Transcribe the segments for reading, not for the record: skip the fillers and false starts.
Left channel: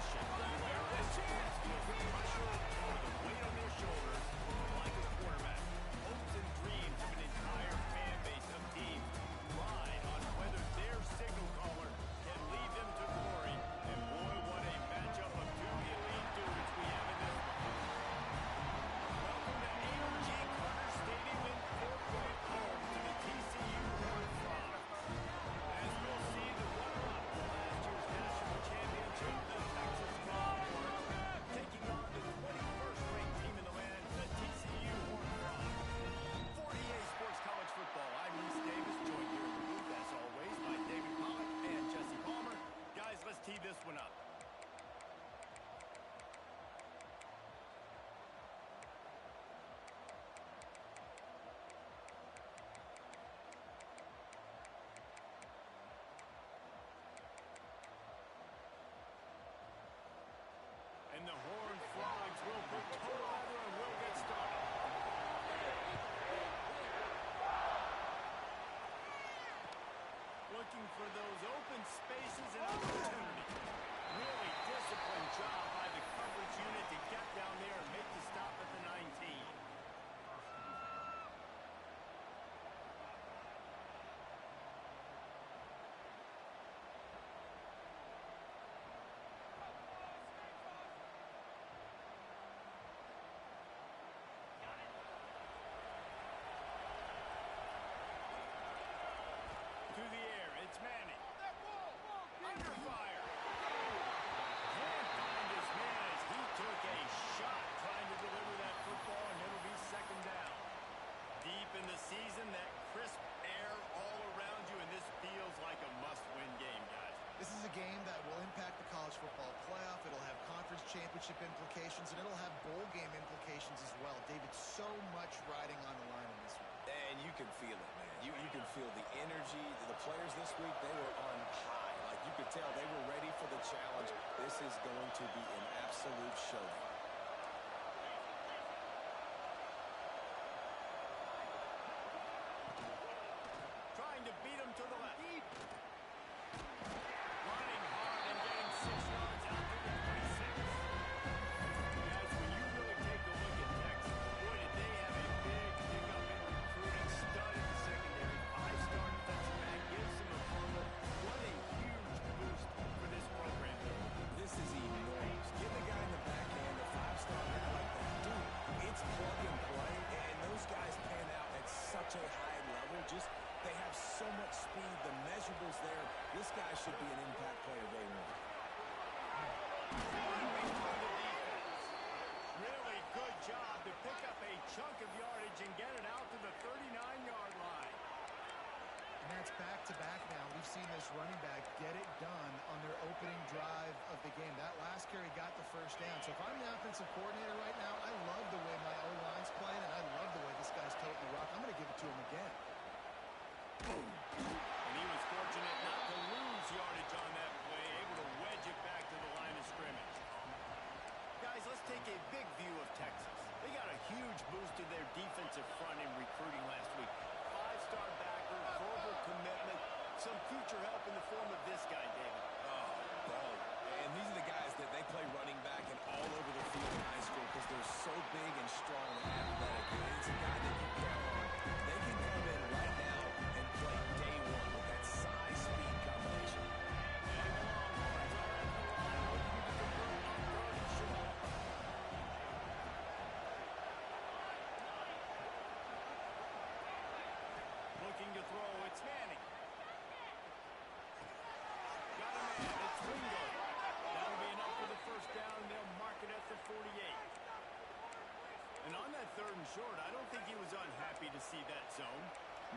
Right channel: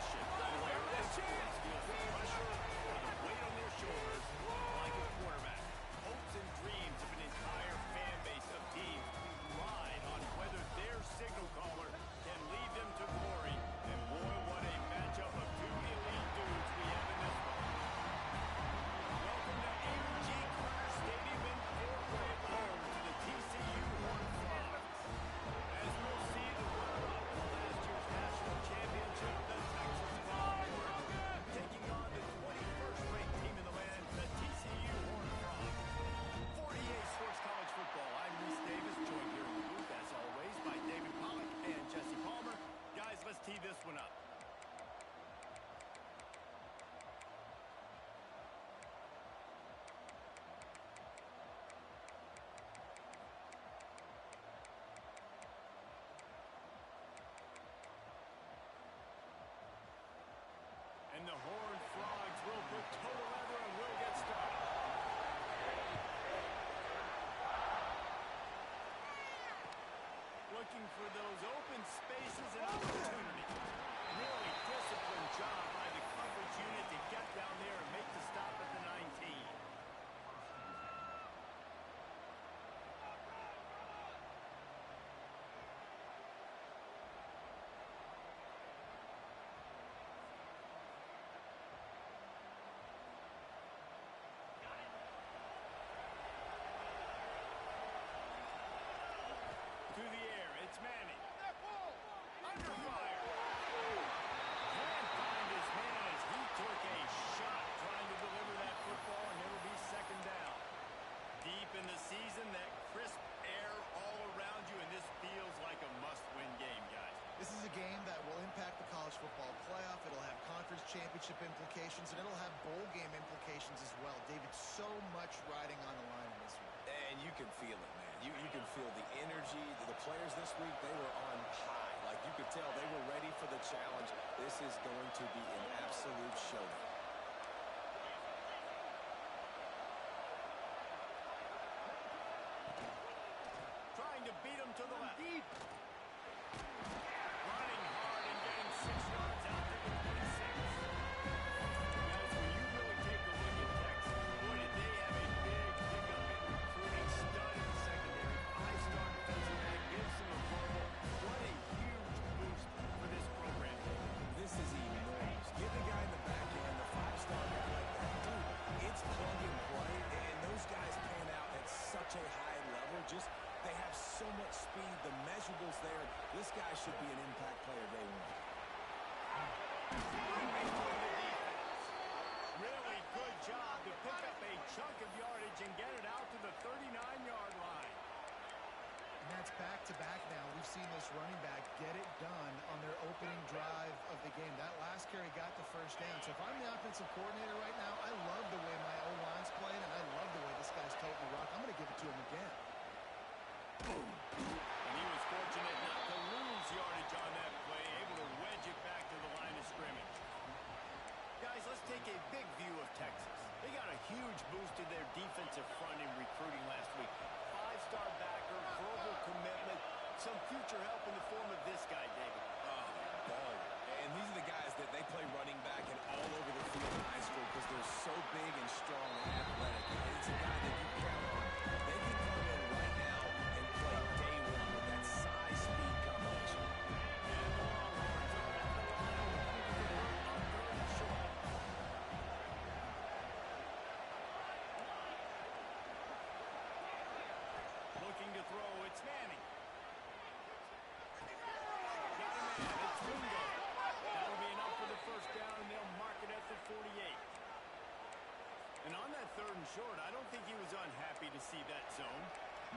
position. Fearless feels the pressure or the weight on their shoulders like a quarterback. Hopes and dreams of an entire fan base of teams ride on whether their signal caller can lead them to glory. And boy, what a matchup of two elite dudes we have in this one. Welcome to AMG Carter Stadium in Fort Worth, home to the TCU Horned Frogs. As we'll see, the runner-up for last year's national championship, the Texas Longhorns, taking on the 21st ranked team in the land, the TCU Horned Frogs. 48 Sports College Football. I'm Reese Davis, joined here in the booth, as always, by David Pollack and Jesse Palmer. Guys, let's tee this one up. And the Horned Frogs will put toe to leather and will get started. Looking for those open spaces and opportunities. Really disciplined job by the coverage unit to get down there and make the stop at the 19. To the air, it's Manning. Under fire. Can't find his man as he took a shot trying to deliver that football, and it'll be second down. Deep in the season, that crisp air all around you, and this feels like a must-win game, guys. This is a game that will impact the college football playoff. It'll have conference championship implications, and it'll have bowl game implications as well. David, so much riding on the line in this one. And you can feel it, man. You can feel the energy. The players this week, they were on high. Like, you could tell they were ready for the challenge. This is going to be an absolute showdown. Trying to beat him to the left. Running hard and getting 6 yards out to the 26. Guys, when you really take a look at Texas, boy, did they have a big pickup in recruiting. Stud in the secondary. 5-star defensive back. Gives them a verbal. What a huge boost for this program. This is enormous. Give the guy in the back end, the 5-star guy like that. Dude, it's plug and play, and those guys pan out at such a high level. They have so much speed, the measurables there. This guy should be an impact player day one. Really good job to pick up a chunk of yardage and get it out to the 39-yard line. And that's back-to-back now. We've seen this running back get it done on their opening drive of the game. That last carry got the first down. So if I'm the offensive coordinator right now, I love the way my O-line's playing, and I love the way this guy's toting the rock. I'm going to give it to him again. And he was fortunate not to lose yardage on that play, able to wedge it back to the line of scrimmage. Guys, let's take a big view of Texas. They got a huge boost to their defensive front in recruiting last week. 5-star backer, verbal commitment, some future help in the form of this guy, David. Oh, ball. And these are the guys that they play running back and all over the field in high school because they're so big and strong and athletic. And it's a guy that you count on. They can come in right now and play day one with that size-speed combination. And the Longhorns are at the line looking to convert on 3rd and short. Looking to throw, it's Manning. Got a man, it's Wingo. That'll be enough for the first down, and they'll mark it at the 48. And on that 3rd and short, I don't think he was unhappy to see that zone.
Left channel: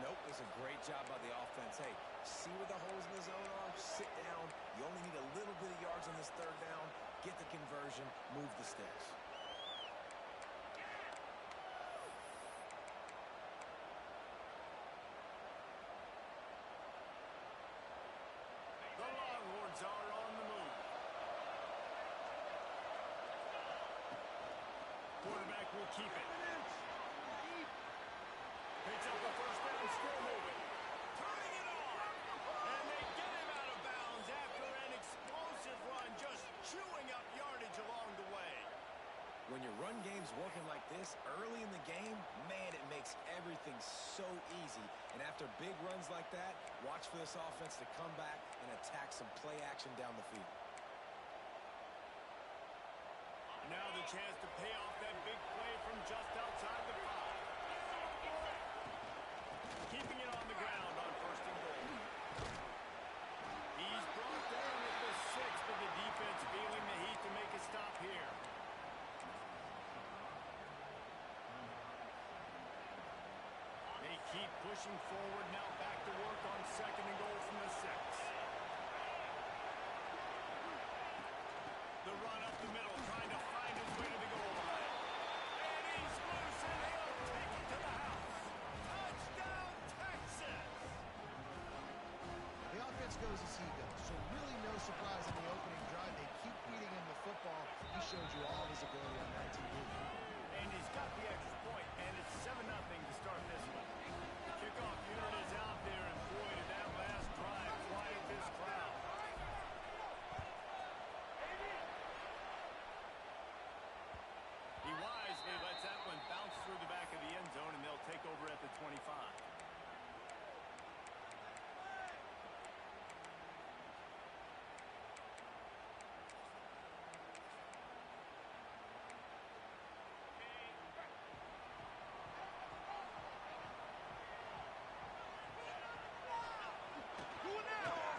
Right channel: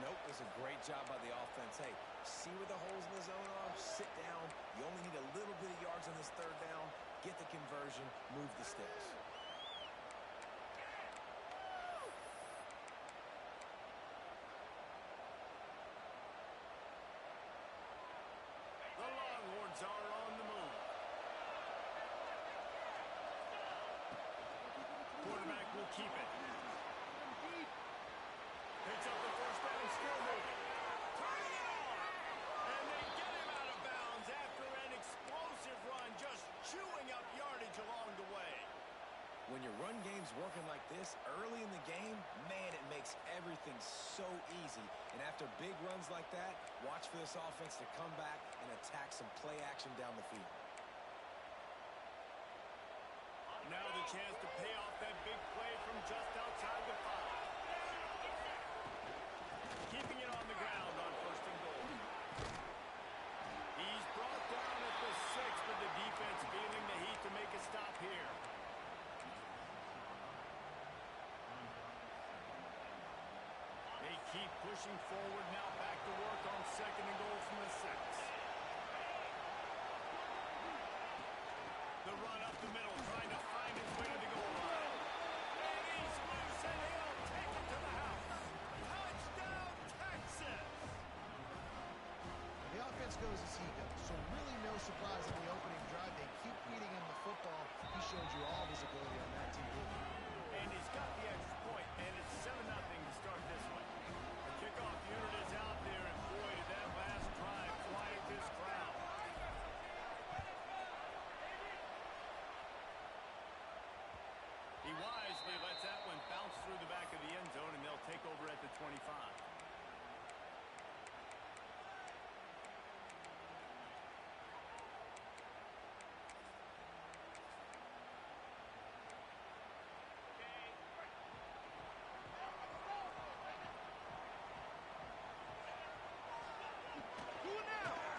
Nope, it was a great job by the offense. Hey, see where the holes in the zone are? Sit down. You only need a little bit of yards on this 3rd down. Get the conversion. Move the sticks. The Longhorns are on the move. Quarterback will keep it. Picks up the first down, still moving. Turning it on. And they get him out of bounds after an explosive run, just chewing up When your run game's working like this early in the game, man, it makes everything so easy. And after big runs like that, watch for this offense to come back and attack some play action down the field. Now the chance to pay off that big play from just outside the 5. Keeping it on the ground on 1st and goal. He's brought down at the 6, but the defense feeling the heat to make a stop here. They keep pushing forward now, back to work on 2nd and goal from the 6. The run up the middle, trying to find his way to the goal line. And he's loose, and he'll take it to the house. Touchdown, Texas! The offense goes as he goes, so really no surprise in the opening drive. They keep feeding him the football. He showed you all his ability on that TV. And he's got the extra point, and it's 7-0 to start this one. The kickoff unit is out there, and boy, did that last drive quiet this crowd. He wisely lets that one bounce through the back of the end zone, and they'll take over at the 25.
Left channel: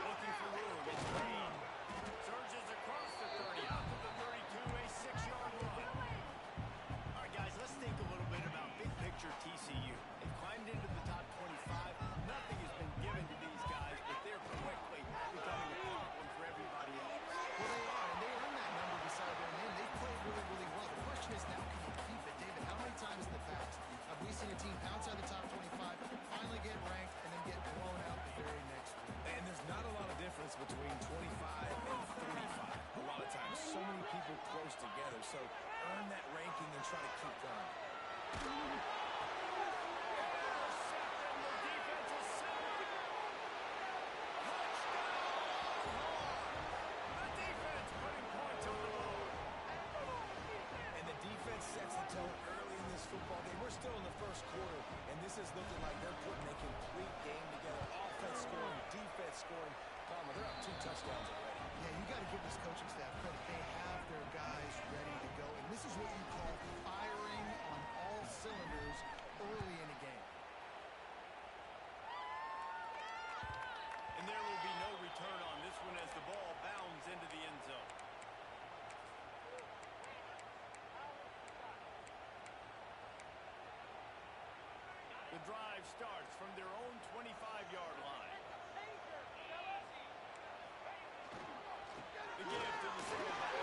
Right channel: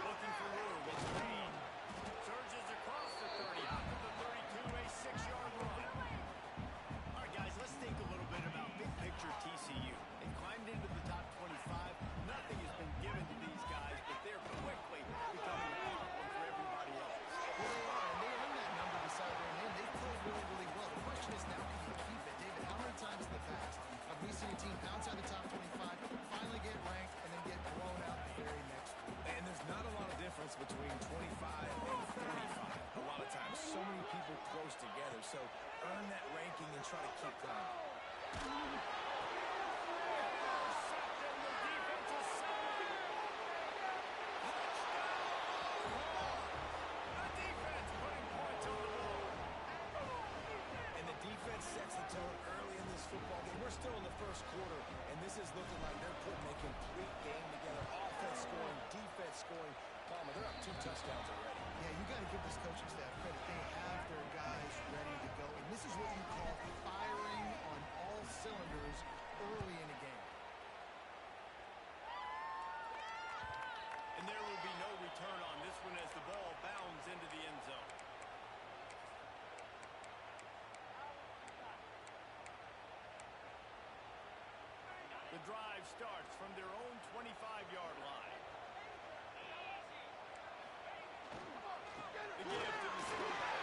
Looking for room, it's Payne. Surges across the 30, out to the 32, a 6-yard run. All right, guys, let's think a little bit about big picture TCU. They've climbed into the top 25. Nothing has been given to these guys, but they're quickly becoming a problem for everybody else. Well, they are, and they earn that number beside their name. They've played really, really well. The question is, now can you keep it? David, how many times in the past have we seen a team pounce out the top 25, finally get ranked, and then get blown out the very next week? And there's not a lot of difference between 25 and 45. A lot of times, so many people close together. So earn that ranking and try to keep going. Intercepted, the defense is safe. Touchdown, Longhorns! The defense putting points on the board. And the defense sets the tone early in this football game. We're still in the first quarter, and this is looking like they're putting a complete game together. Offense scoring, defense scoring. Palmer, they're up 2 touchdowns already. Yeah, you got to give this coaching staff credit. They have their guys ready to go, and this is what you call firing on all cylinders early in a game. And there will be no return on this one as the ball bounds into the end zone. The drive starts from their own 25-yard line. The give to the center back.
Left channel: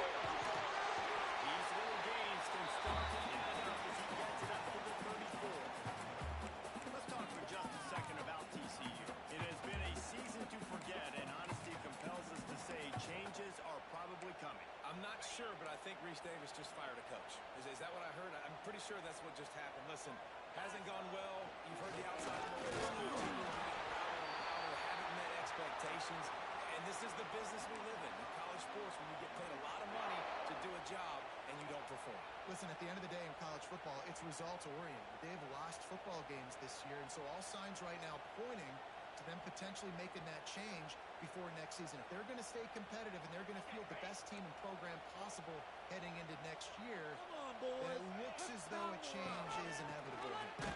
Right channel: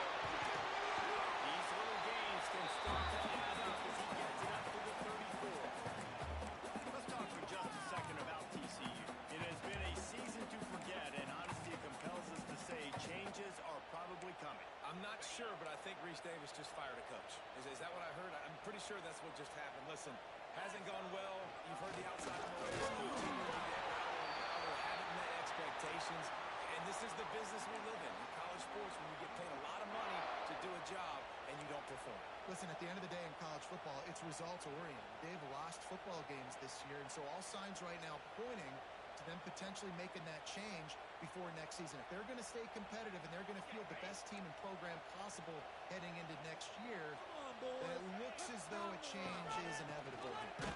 These little gains can start to add up as he gets it up to the 34. Let's talk for just a second about TCU. It has been a season to forget, and honesty compels us to say changes are probably coming. I'm not sure, but I think Reese Davis just fired a coach. Is that what I heard? I'm pretty sure that's what just happened. Listen, hasn't gone well. You've heard the outside noise. Continue to get louder and louder, haven't met expectations. And this is the business we live in college sports, when you get paid a lot of money to do a job and you don't perform. Listen, at the end of the day in college football, it's results-oriented. They've lost football games this year, and so all signs right now pointing to them potentially making that change before next season. If they're going to stay competitive and they're going to field the best team and program possible heading into next year, then it looks as though a change is inevitable here.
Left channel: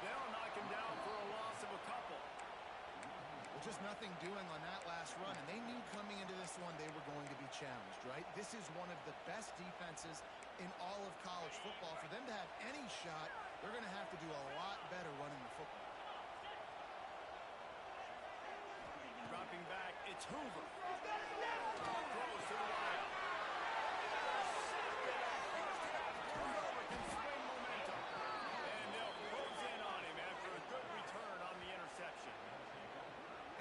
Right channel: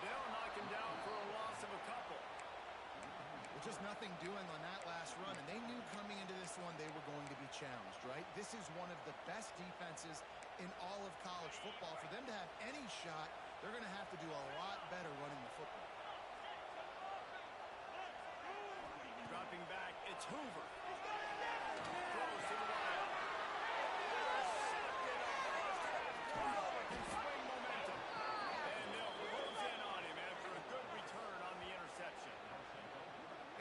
They'll knock him down for a loss of a couple. Well, just nothing doing on that last run, and they knew coming into this one they were going to be challenged, right? This is one of the best defenses in all of college football. For them to have any shot, they're going to have to do a lot better running the football. Dropping back, it's Hoover. Throws to the wide. Intercepted on first half. Turnover can swing momentum. And they'll close in on him after a good return on the interception.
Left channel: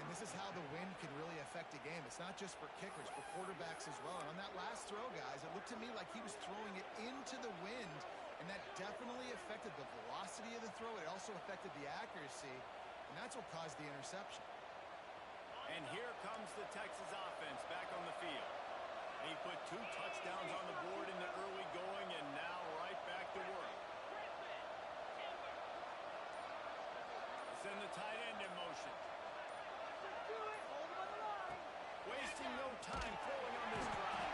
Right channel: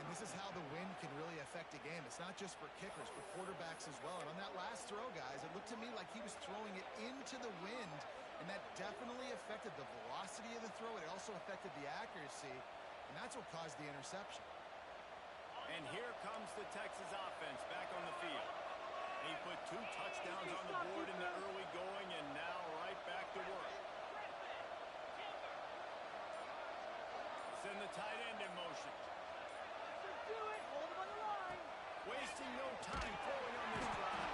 And this is how the wind can really affect a game. It's not just for kickers, for quarterbacks as well. And on that last throw, guys, it looked to me like he was throwing it into the wind, and that definitely affected the velocity of the throw. It also affected the accuracy, and that's what caused the interception. And here comes the Texas offense back on the field. He put 2 touchdowns on the board in the early going, and now right back to work. Send the tight end in motion. Wasting no time throwing on this drive.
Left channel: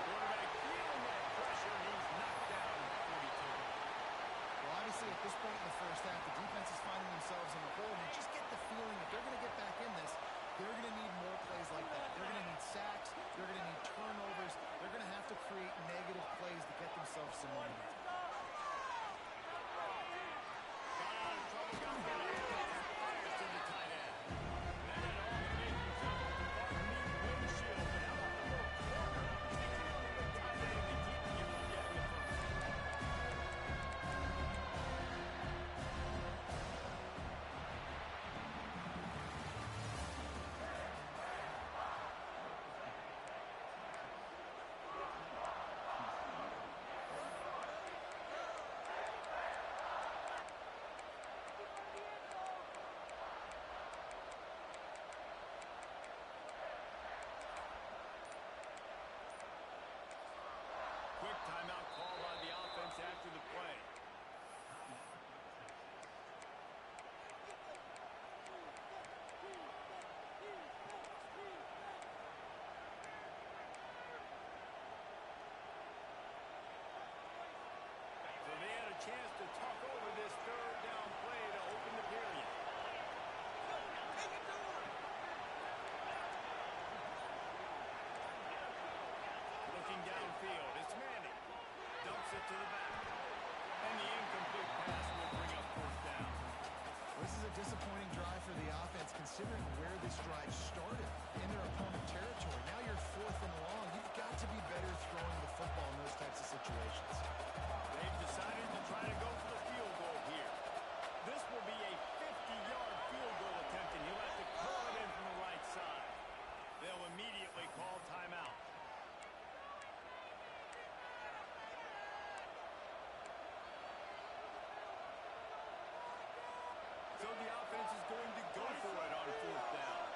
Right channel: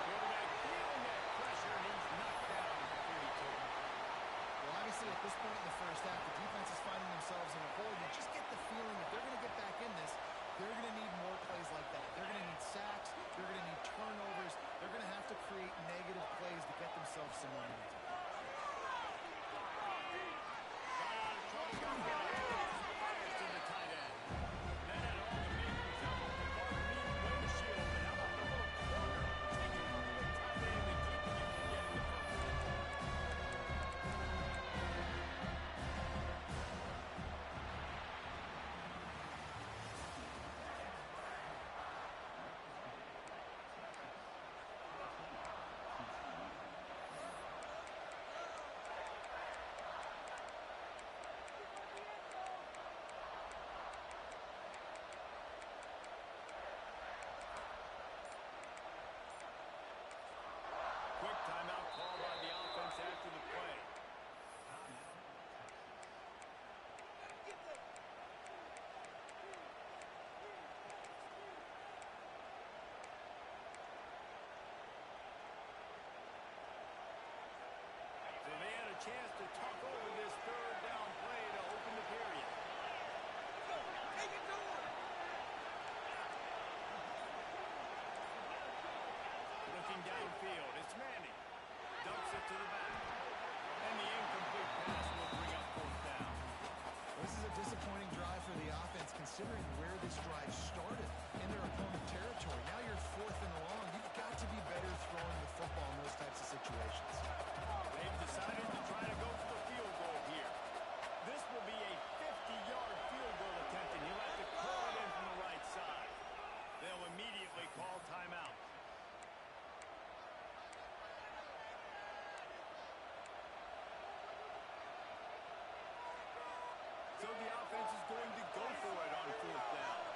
Quarterback feeling that pressure, and he's knocked down at the 42. Well, obviously, at this point in the first half, the defense is finding themselves in a hole. You just get the feeling if they're going to get back in this, they're going to need more plays like that. They're going to need sacks. They're going to need turnovers. They're going to have to create negative plays to get themselves some momentum. Got out of trouble, got rid of it. Fires to the tight end. That had all the makings of a Barney windshield, but how about the little corner taking on the tight end and keeping him from getting the first? Quick timeout call by the offense after the play. So they had a chance to talk over this third down play to open the period. Looking downfield, it's Manning. Dumps it to the back. And the incomplete pass will bring up 4th down. Well, this is a disappointing drive for the offense, considering where this drive started in their opponent territory. Now you're 4th and long. You've got to be better throwing the football in those types of situations. They've decided to try to go for the field goal here. This will be a 50-yard field goal attempt, and he'll have to curl it in from the right side. They'll immediately call timeout. So the offense is going to go for it on 4th down.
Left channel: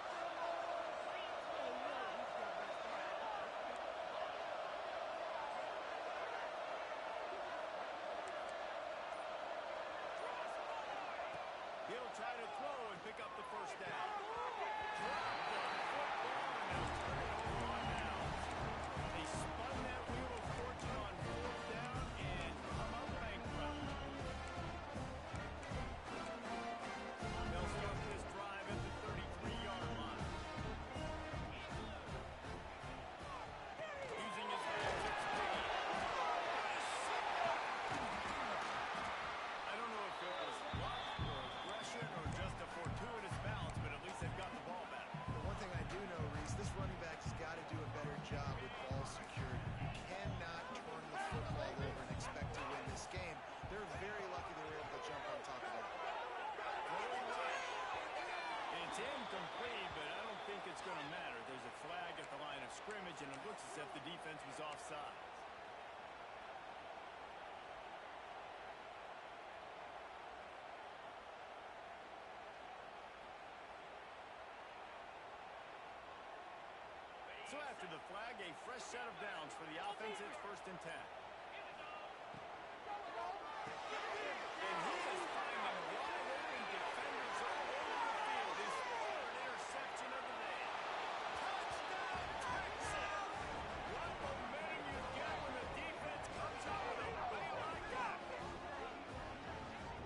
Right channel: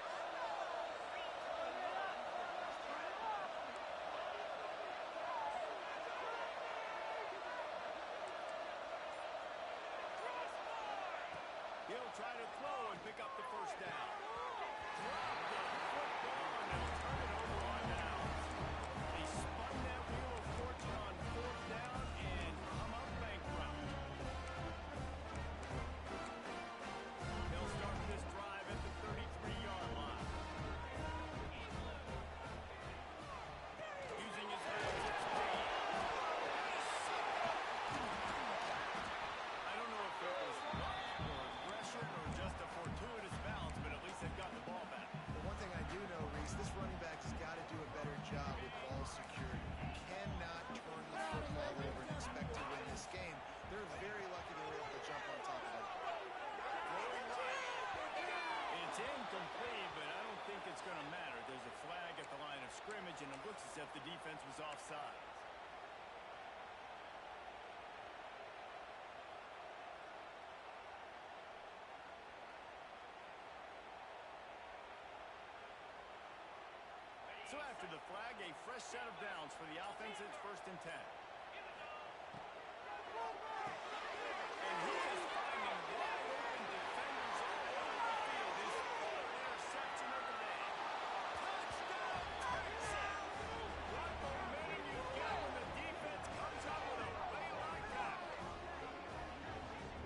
He'll try to throw and pick up the 1st down. Drop the football, and they'll turn it over on downs. They spun that wheel of fortune on 4th down and come up bankrupt. They'll start this drive at the 33-yard line. Using his hands at speed. I don't know if it was luck or aggression or just a fortuitous bounce, but at least they've got the ball back. But one thing I do know, Reese, this running back has got to do a better job with ball security. You cannot turn the football over and expect to win this game. They're very lucky they were able to jump on top of that. Throwing right. It's incomplete, but I don't think it's going to matter. There's a flag at the line of scrimmage, and it looks as if the defense was offside. So after the flag, a fresh set of downs for the offense. It's 1st and 10. And he is finding wide open defenders all over the field. His 3rd interception of the day. Touchdown, Texas! What momentum you get when the defense comes out with a play like that.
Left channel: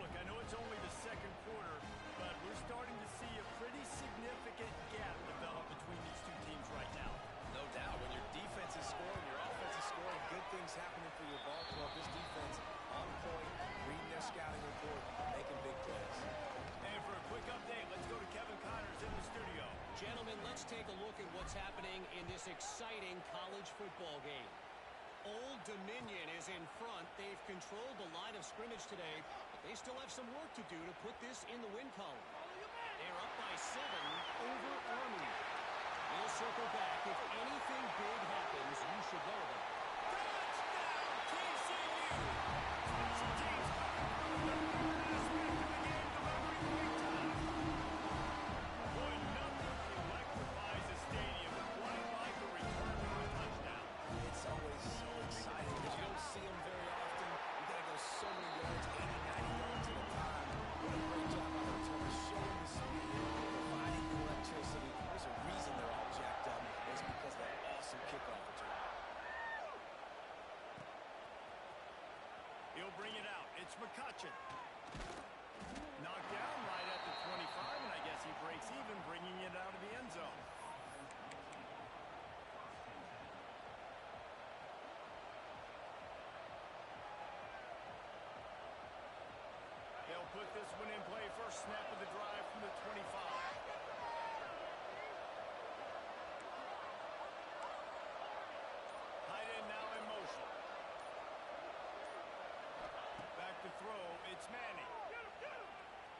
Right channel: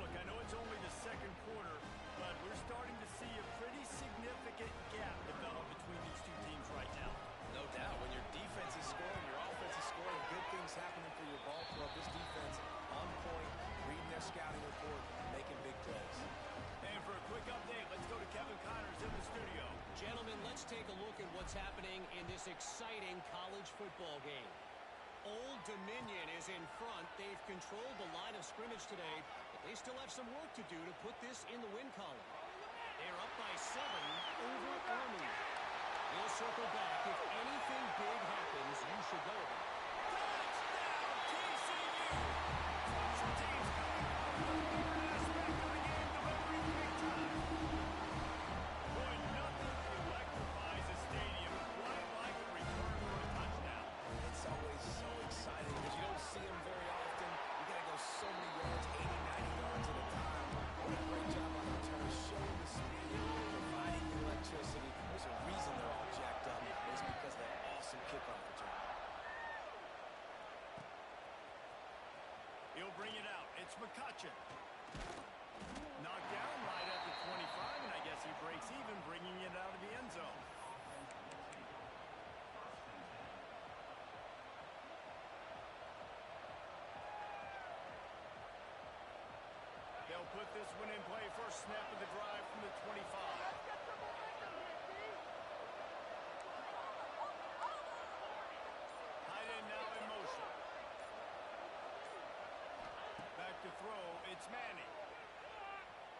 Look, I know it's only the 2nd quarter, but we're starting to see a pretty significant gap develop between these two teams right now. No doubt. When your defense is scoring, your offense is scoring, good things happening for your ball club. This defense on point, reading their scouting report, making big plays. And for a quick update, let's go to Kevin Connors in the studio. Gentlemen, let's take a look at what's happening in this exciting college football game. Old Dominion is in front. They've controlled the line of scrimmage today, but they still have some work to do to put this in the win column. They're up by 7 over Army. We'll circle back. If anything big happens, you should know about it. Touchdown, TCU! Special teams coming through the third aspect of the game, delivering big time. Boy, nothing electrifies a stadium quite like a return for a touchdown. It's McCutcheon. Knocked down right at the 25, and I guess he breaks even, bringing it out of the end zone. They'll put this one in play. First snap of the drive from the 25. Tight end now in motion. Back to throw. It's Manning.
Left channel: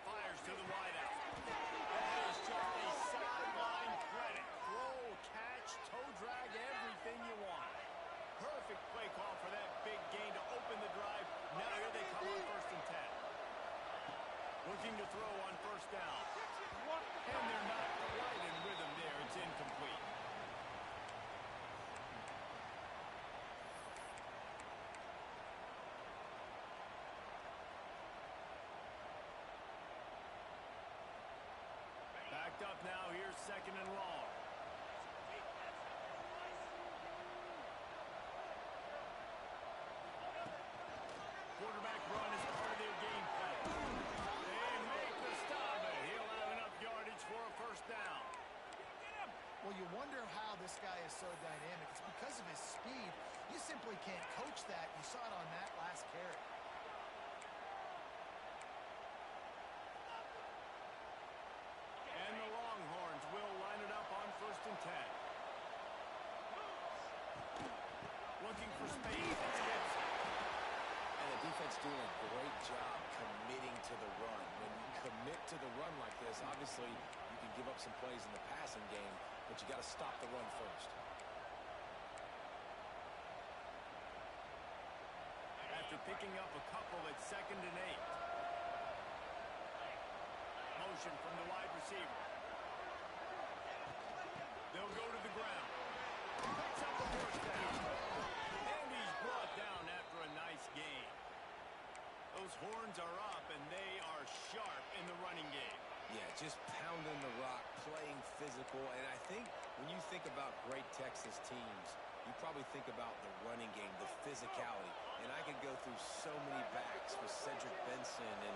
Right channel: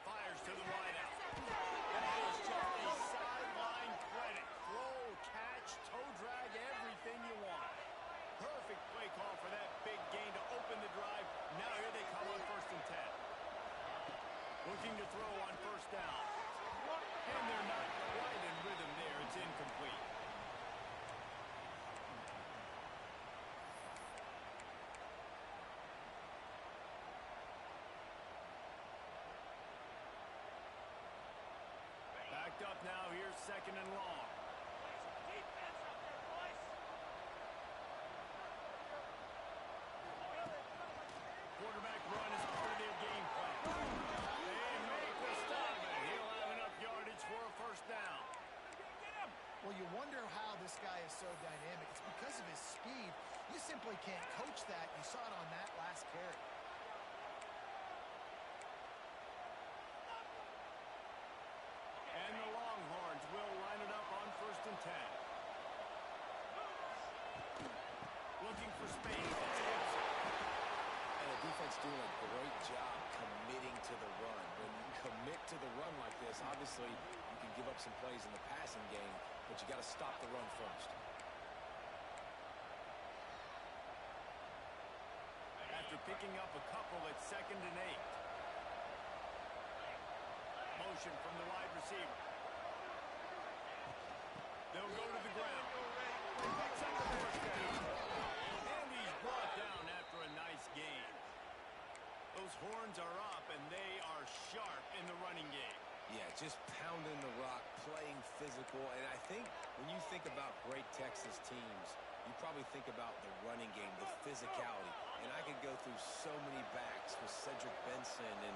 Fires to the wideout. That is just a sideline credit. Throw, catch, toe drag, everything you want. Perfect play call for that big gain to open the drive. Now here they come on 1st and 10. Looking to throw on 1st down. And they're not quite in rhythm there. It's incomplete. Backed up now. Here's 2nd and long. Quarterback run is part of their game plan. They make the stop, and he'll have enough yardage for a 1st down. Well, you wonder how this guy is so dynamic. It's because of his speed. You simply can't coach that. You saw it on that last carry. And the Longhorns will line it up on 1st and 10. Looking for space. It's Gibson. And the defense doing a great job committing to the run. When you commit to the run like this, obviously you can give up some plays in the passing game, but you got to stop the run first. After picking up a couple at 2nd and 8. Motion from the wide receiver. They'll go to the ground. Picks up the 1st down. And he's brought down after a nice gain. Those horns are up, and they are sharp in the running game. Yeah, just pounding the rock, playing physical. And I think when you think about great Texas teams, you probably think about the running game, the physicality. And I could go through so many backs with Cedric Benson and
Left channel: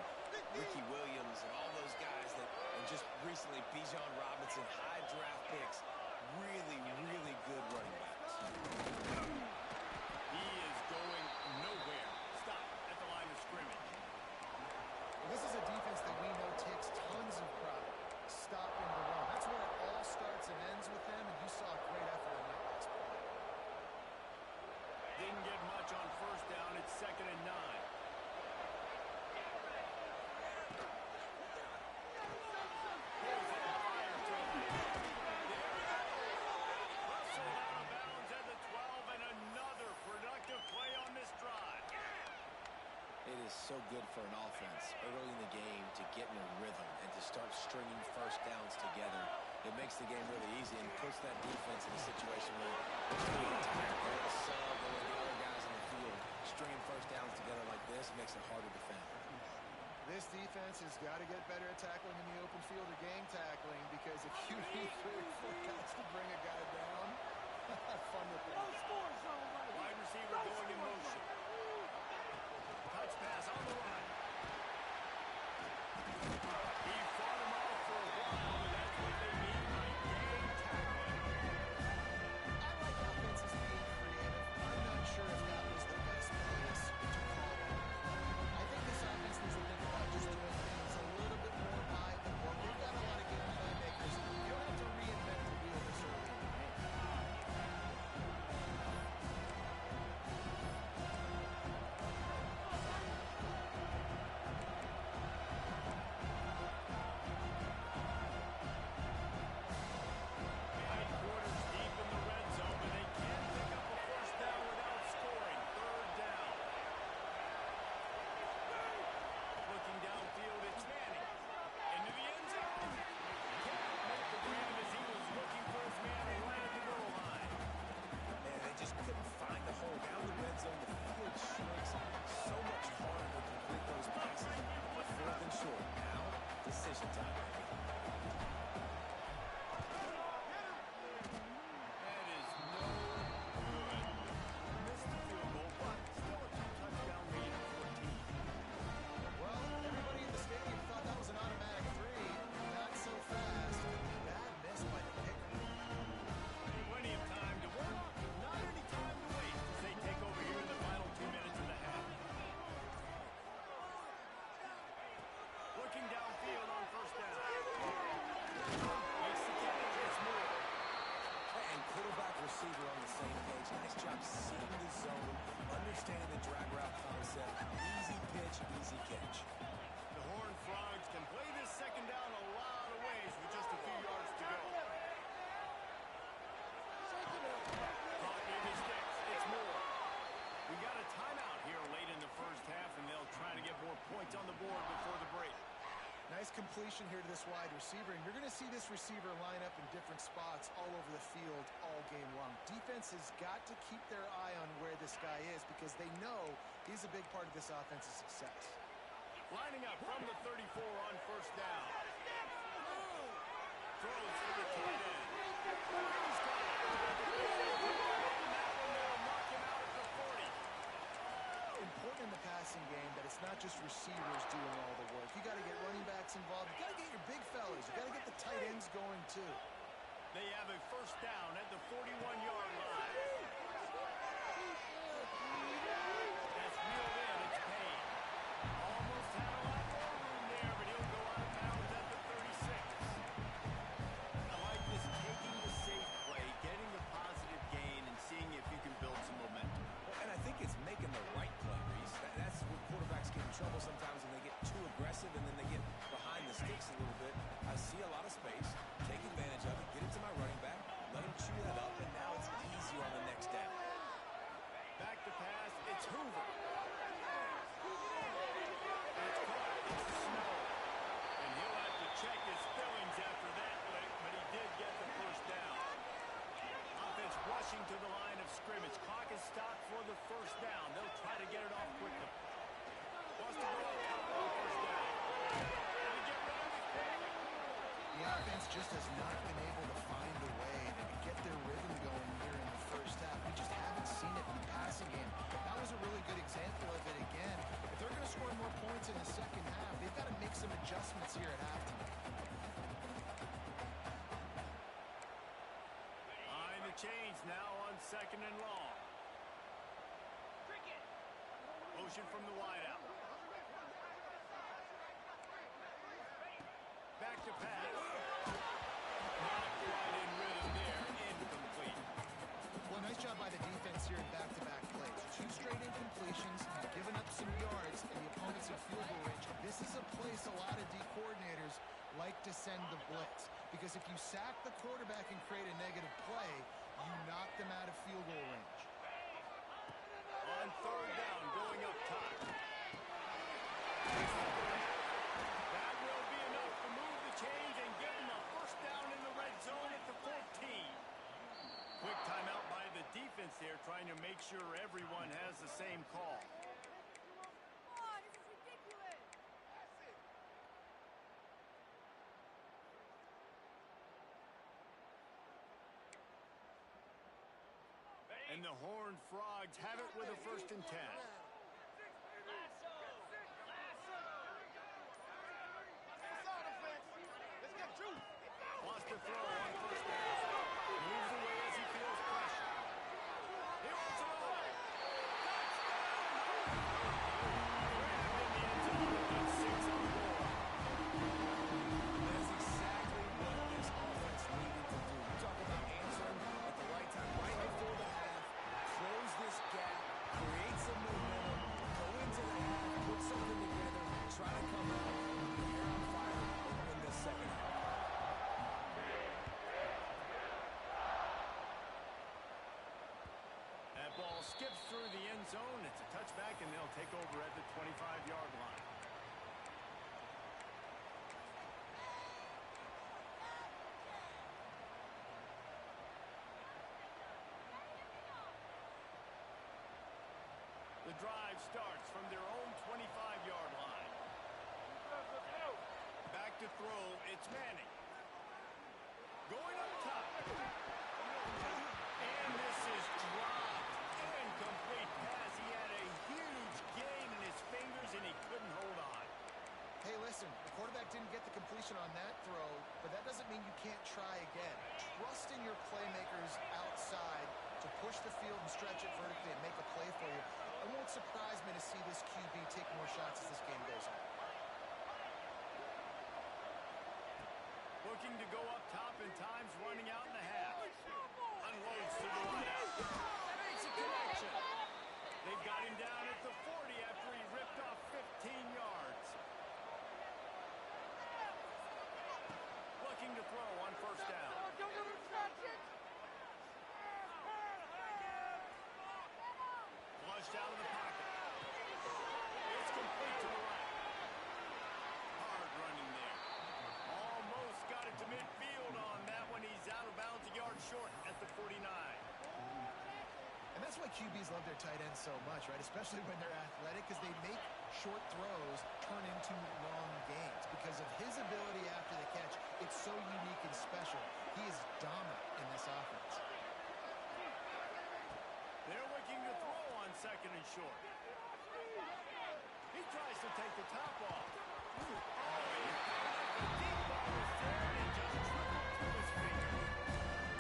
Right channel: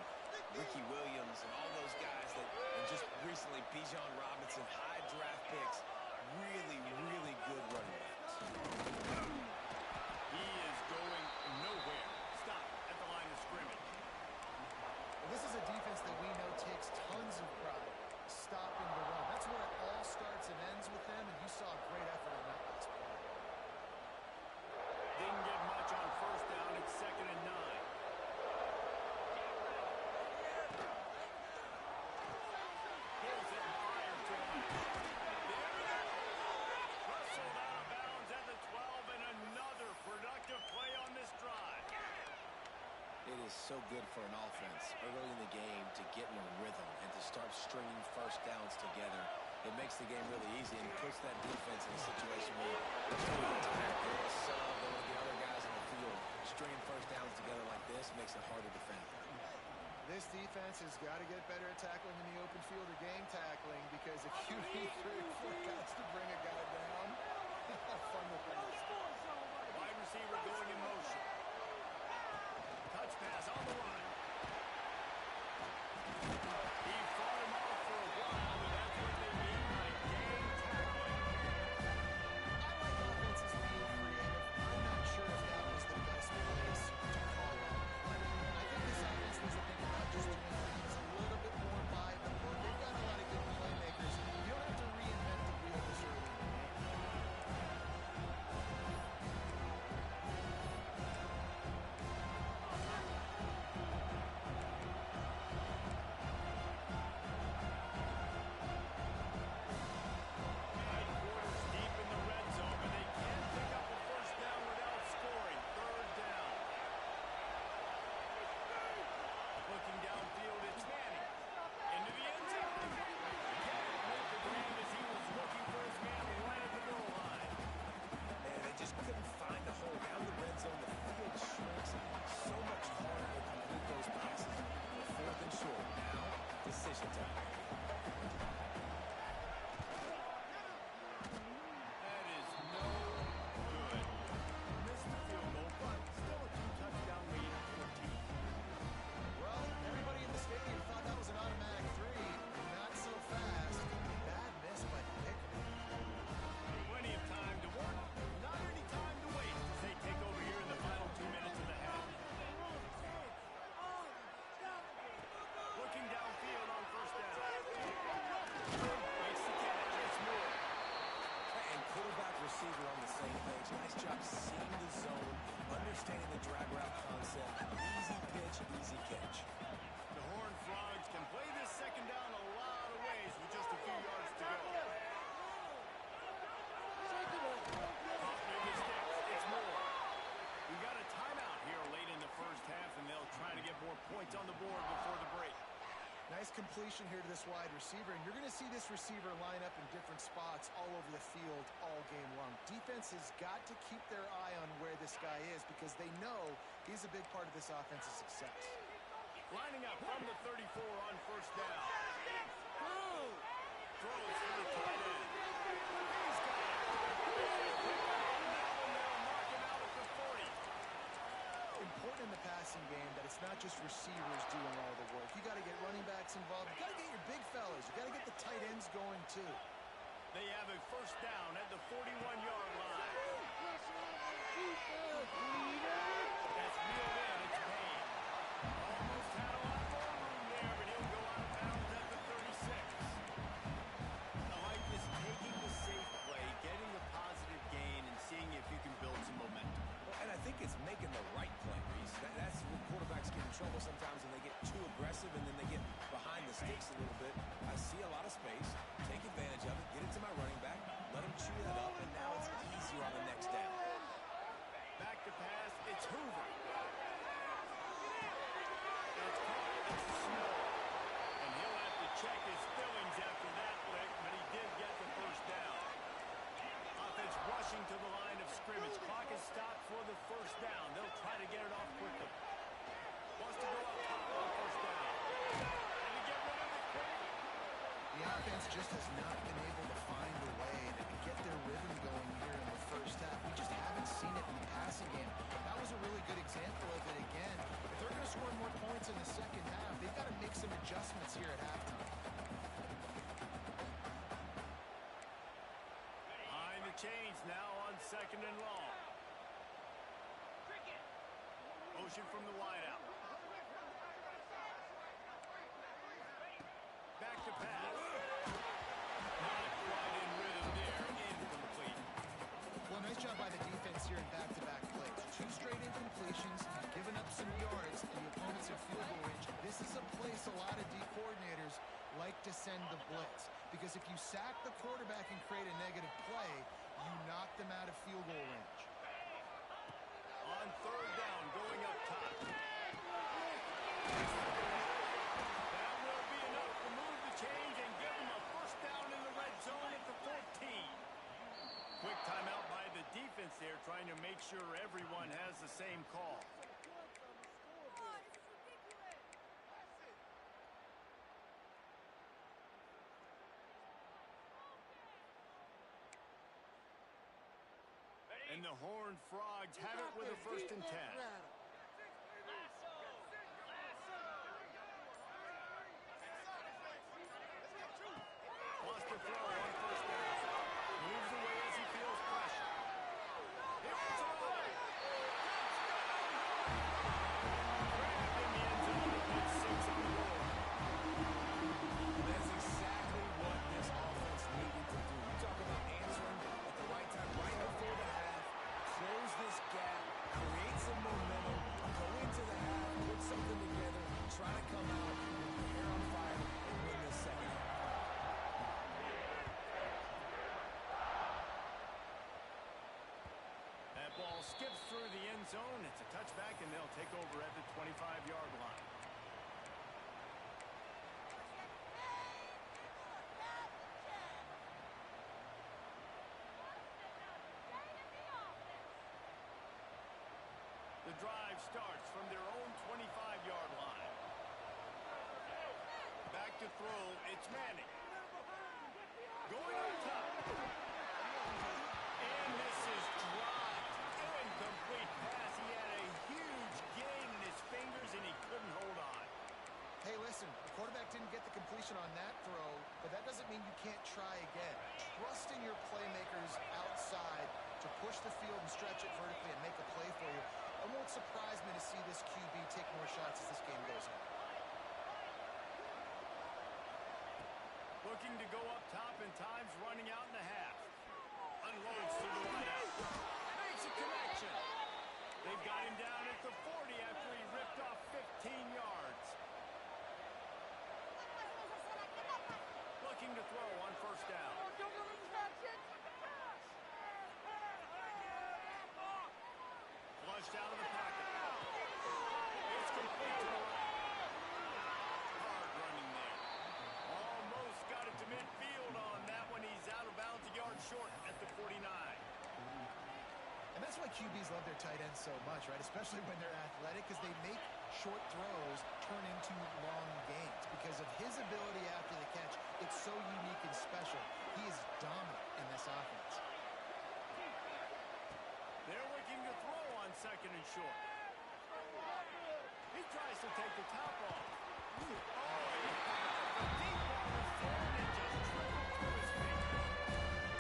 Ricky Williams and all those guys that, and just recently Bijan Robinson, high draft picks, really, really good running backs. He is going nowhere. Stop at the line of scrimmage. Well, this is a defense that we know takes tons of pride stopping the run. That's where it all starts and ends with them, and you saw a great effort on that last play. Didn't get much on 1st down. It's 2nd and 9. Pulls it and fires to the left. There it is. Rustled out of bounds at the 12, and another productive play on this drive. It is so good for an offense early in the game to get in a rhythm and to start stringing 1st downs together. It makes the game really easy and puts that defense in a situation where they're really tired. They're going to sub, they're going to get other guys on the field. Stringing 1st downs together like this makes it harder to defend. This defense has got to get better at tackling in the open field or game tackling, because if you need 3 or 4 guys to bring a guy down, have fun with that. Wide receiver going in motion. Touch pass on the run. He fought him off for a while, but that's what they mean by game tackling. I like offenses being creative. I'm not sure if that was the best place to call that play. I think this offense needs to think about just doing things a little bit more by the book. They've got a lot of good playmakers. You don't have to reinvent the wheel this early in the game. concept. Easy pitch, easy catch. The Horned Frogs can play this second down a lot of ways with just a few yards to go. Caught near the sticks. It's more. We got a timeout here late in the first half, and they'll try to get more points on the board before the break. Nice completion here to this wide receiver, and you're going to see this receiver line up in different spots all over the field all game long. Defense has got to keep their eye on where this guy is because they know he's a big part of this offense's success. Lining up from the 34 on first down. Throws for the tight end. He's got it. Now they'll mark him out at the 40. Important in the passing game that it's not just receivers doing all the work. You got to get running backs involved. You got to get your big fellas. You got to get the tight ends going too. They have a first down at the 41-yard line. That's reeled in. It's Payne. Almost had a lot more room there, but he'll go out of bounds at the 36. I like this, taking the safe play, getting the positive gain, and seeing if you can build some momentum. Well, and I think it's making the right play, Reese. That's where quarterbacks get in trouble sometimes when they get too aggressive and then they get behind the sticks a little bit. I see a lot of space, take advantage of it, get it to my running back, let him chew that up, and now it's easier on the next down. Back to pass, it's Hoover. That's caught, it's Snow. And he'll have to check his fillings after that lick, but he did get the first down. Offense rushing to the line of scrimmage. Clock is stopped for the first down. They'll try to get it off quickly. Wants to go up top on first down. And to get rid of it quickly. The offense just has not been able to find a way to get their rhythm going here in the first half. We just haven't seen it in the passing game. That was a really good example of it again. If they're going to score more points in the second half, they've got to make some adjustments here at halftime. Behind the chains now on second and long. Motion from the wideout. Back to pass. Not quite in rhythm there. Incomplete. Well, nice job by the defense here in back-to-back plays. 2 straight incompletions, you've given up some yards, and the opponent's in field goal range. This is a place a lot of D coordinators like to send the blitz, because if you sack the quarterback and create a negative play, you knock them out of field goal range. On third down, going up top. That will be enough to move the chains and give them a first down in the red zone at the 14. Quick timeout by the defense there, trying to make sure everyone has the same call. And the Horned Frogs have it with a first and 10. Wants to throw on first down. Moves away as he feels pressure. He wants it all. Touchdown! Grabbed in the end zone and put 6 on the board. That's exactly what this offense needed to do. You talk about answering at the right time, right before the half, close this gap, create some momentum, go into the half, put something together, try to come out with your hair on fire and win this second half. That ball skips through the end zone. It's a touchback, and they'll take over at the 25-yard line. The drive starts from their own 25-yard line. Back to throw, it's Manning. Going up top. And this is dropped. Incomplete pass. He had a huge gain in his fingers, and he couldn't hold on. Hey, listen, the quarterback didn't get the completion on that throw, but that doesn't mean you can't try again. Trust in your playmakers outside to push the field and stretch it vertically and make a play for you. It won't surprise me to see this QB take more shots as this game goes on. Looking to go up top, and time's running out in the half. Unloads to the wideout. Makes a connection. They've got him down at the 40 after a looking to throw on first down. Flushed out of the pocket. It's complete to the right. Hard running there. Almost got it to midfield on that one. He's out of bounds a yard short at the 49. And that's why QBs love their tight ends so much, right? Especially when they're athletic, because they make short throws turn into long gains. Because of his ability after the catch, it's so unique and special. He is dominant in this offense. They're looking to throw on second and short. He tries to take the top off. Oh, he had it. The deep ball was there, and it just trickled through his fingers.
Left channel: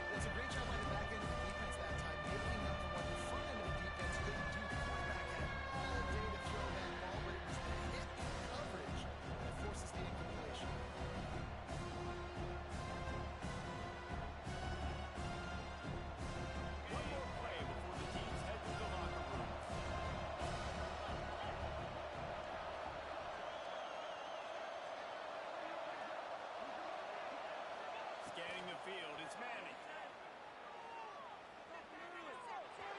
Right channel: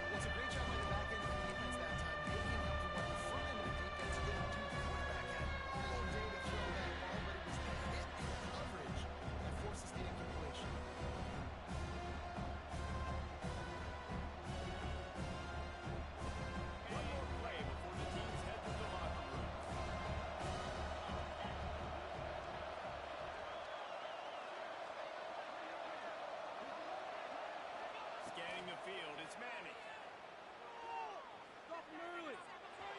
Well, it's a great job by the back end of the defense that time, making up for what the front end of the defense couldn't do. The quarterback had all day to throw that ball, but it was the hit and coverage that forces the incompletion. One more play before the teams head to the locker room. Scanning the field, it's Manning.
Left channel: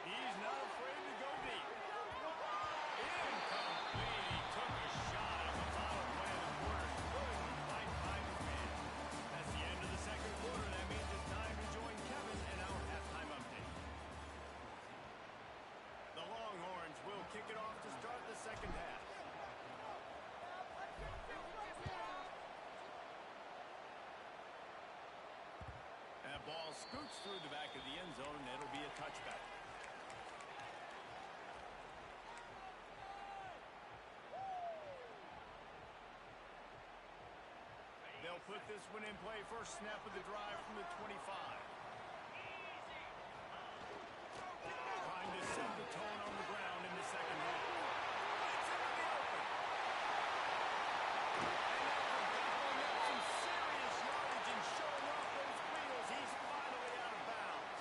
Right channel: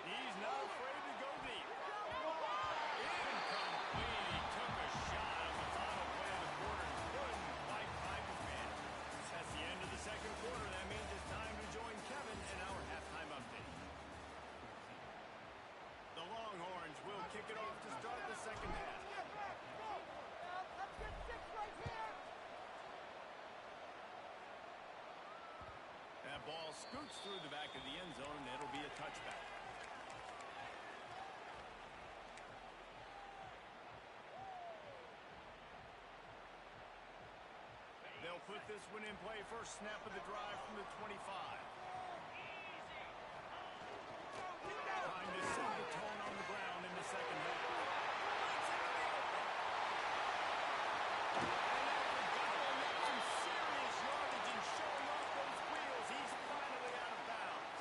He's not afraid to go deep. Incomplete. He took a shot on the final play of the quarter. He couldn't quite find his man. That's the end of the second quarter. That means it's time to join Kevin in our halftime update. The Longhorns will kick it off to start the second half. That ball scoots through the back of the end zone, and it'll be a touchback. They'll put this one in play. First snap of the drive from the 25. Trying to set the tone on the ground in the second half. Breaks into the open. And after gobbling up some serious yardage and showing off those wheels, he's finally out of bounds.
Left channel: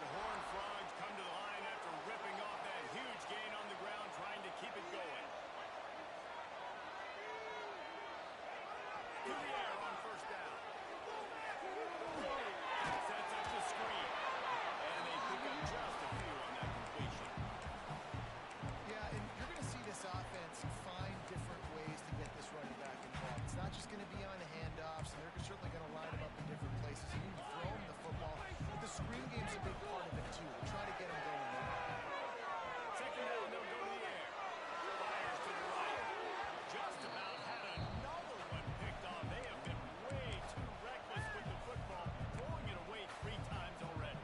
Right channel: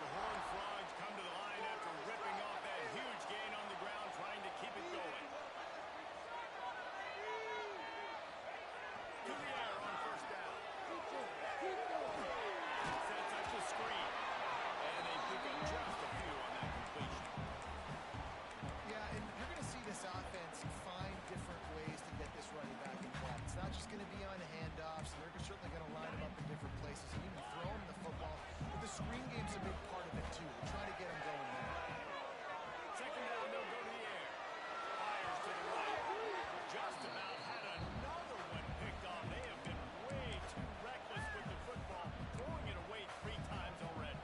The Horned Frogs come to the line after ripping off that huge gain on the ground, trying to keep it going. To the air on first down. Sets up the screen. And they pick up just a few on that completion. Yeah, and you're going to see this offense find different ways to get this running back involved. It's not just going to be on handoffs, and they're certainly going to line him up in different places and even throw him the football. But the screen game's a big part of it, too. They're trying to get him going there. Second down, they'll go to the air. Fires to the right. Just about had another one picked off. They have been way too reckless with the football, throwing it away 3 times already.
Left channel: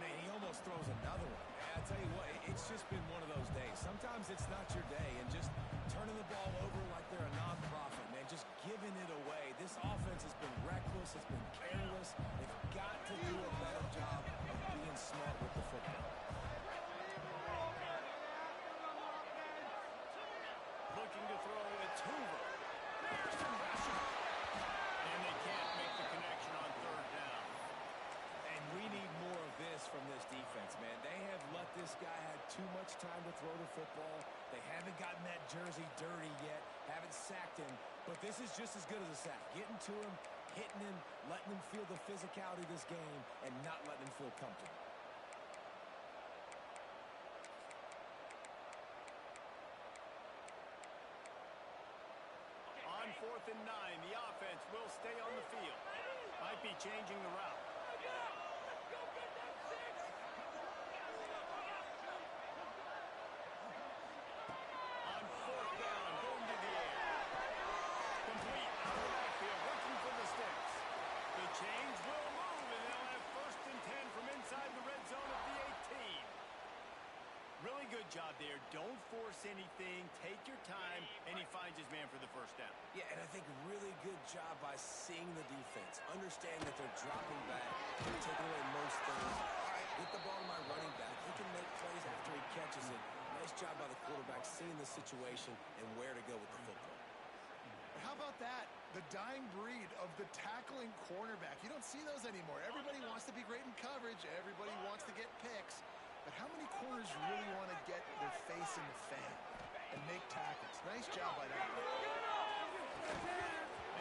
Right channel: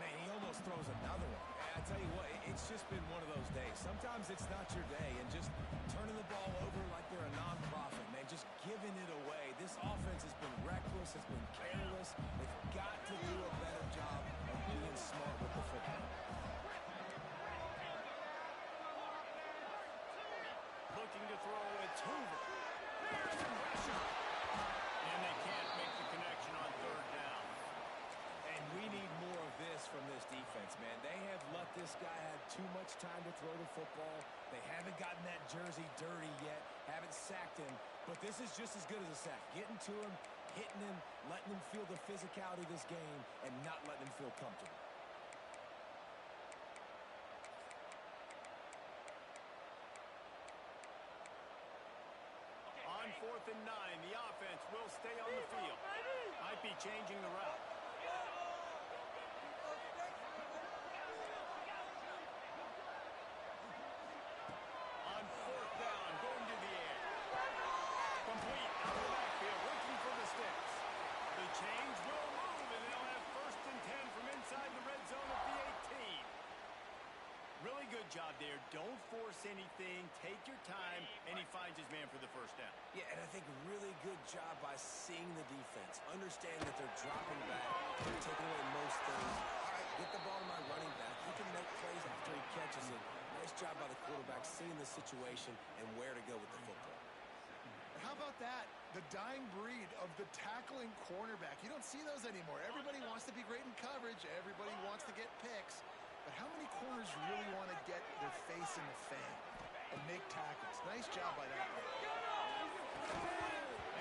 Man, he almost throws another one. I tell you what, it's just been one of those days. Sometimes it's not your day, and just turning the ball over like they're a nonprofit, man, just giving it away. This offense has been reckless, it's been careless. They've got to do a better job of being smart with the football. Looking to throw, it's Hoover. There's the pressure. And they can't make the connection on third down. And we need more of this from this defense, man. They have let this guy have too much time to throw the football. They haven't gotten that jersey dirty yet, haven't sacked him. But this is just as good as a sack. Getting to him, hitting him, letting him feel the physicality of this game, and not letting him feel comfortable. On 4th and 9, the offense will stay on the field. Might be changing the route. On 4th down, going to the air. Complete out of the backfield, looking for the sticks. The chains will move, and they'll have 1st and 10 from inside the red zone at the 18. Really good job there. Don't force anything. Take your time, and he finds his man for the first down. Yeah, and I think really good job by seeing the defense, understanding that they're dropping back, they're taking away most things. All right, get the ball to my running back. He can make plays after he catches it. Nice job by the quarterback, seeing the situation and where to go with the football. How about that? The dying breed of the tackling cornerback. You don't see those anymore. Everybody wants to be great in coverage. Everybody wants to get picks. But how many corners really want to get their face in the fan and make tackles? Nice job by that one.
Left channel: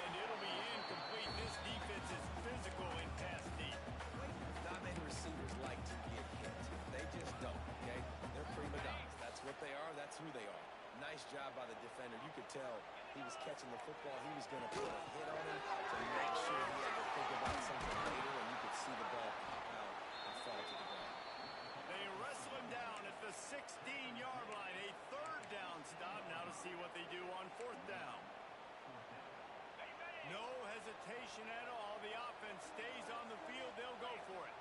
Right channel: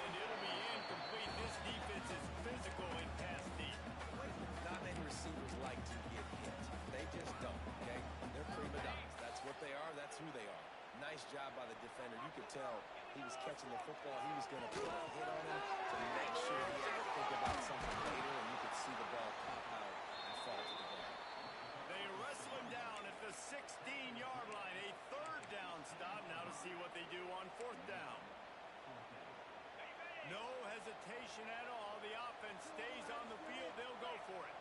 And It'll be incomplete. This defense is physical and pass deep. Not many receivers like to get hit. They just don't, okay? They're prima donnas. That's what they are. That's who they are. Nice job by the defender. You could tell he was catching the football. He was going to put a hit on him to make sure he had to think about something later, and you could see the ball pop out and fall to the ground. They wrestle him down at the 16-yard line. A third down stop. Now to see what they do on fourth down. No hesitation at all. The offense stays on the field. They'll go for it.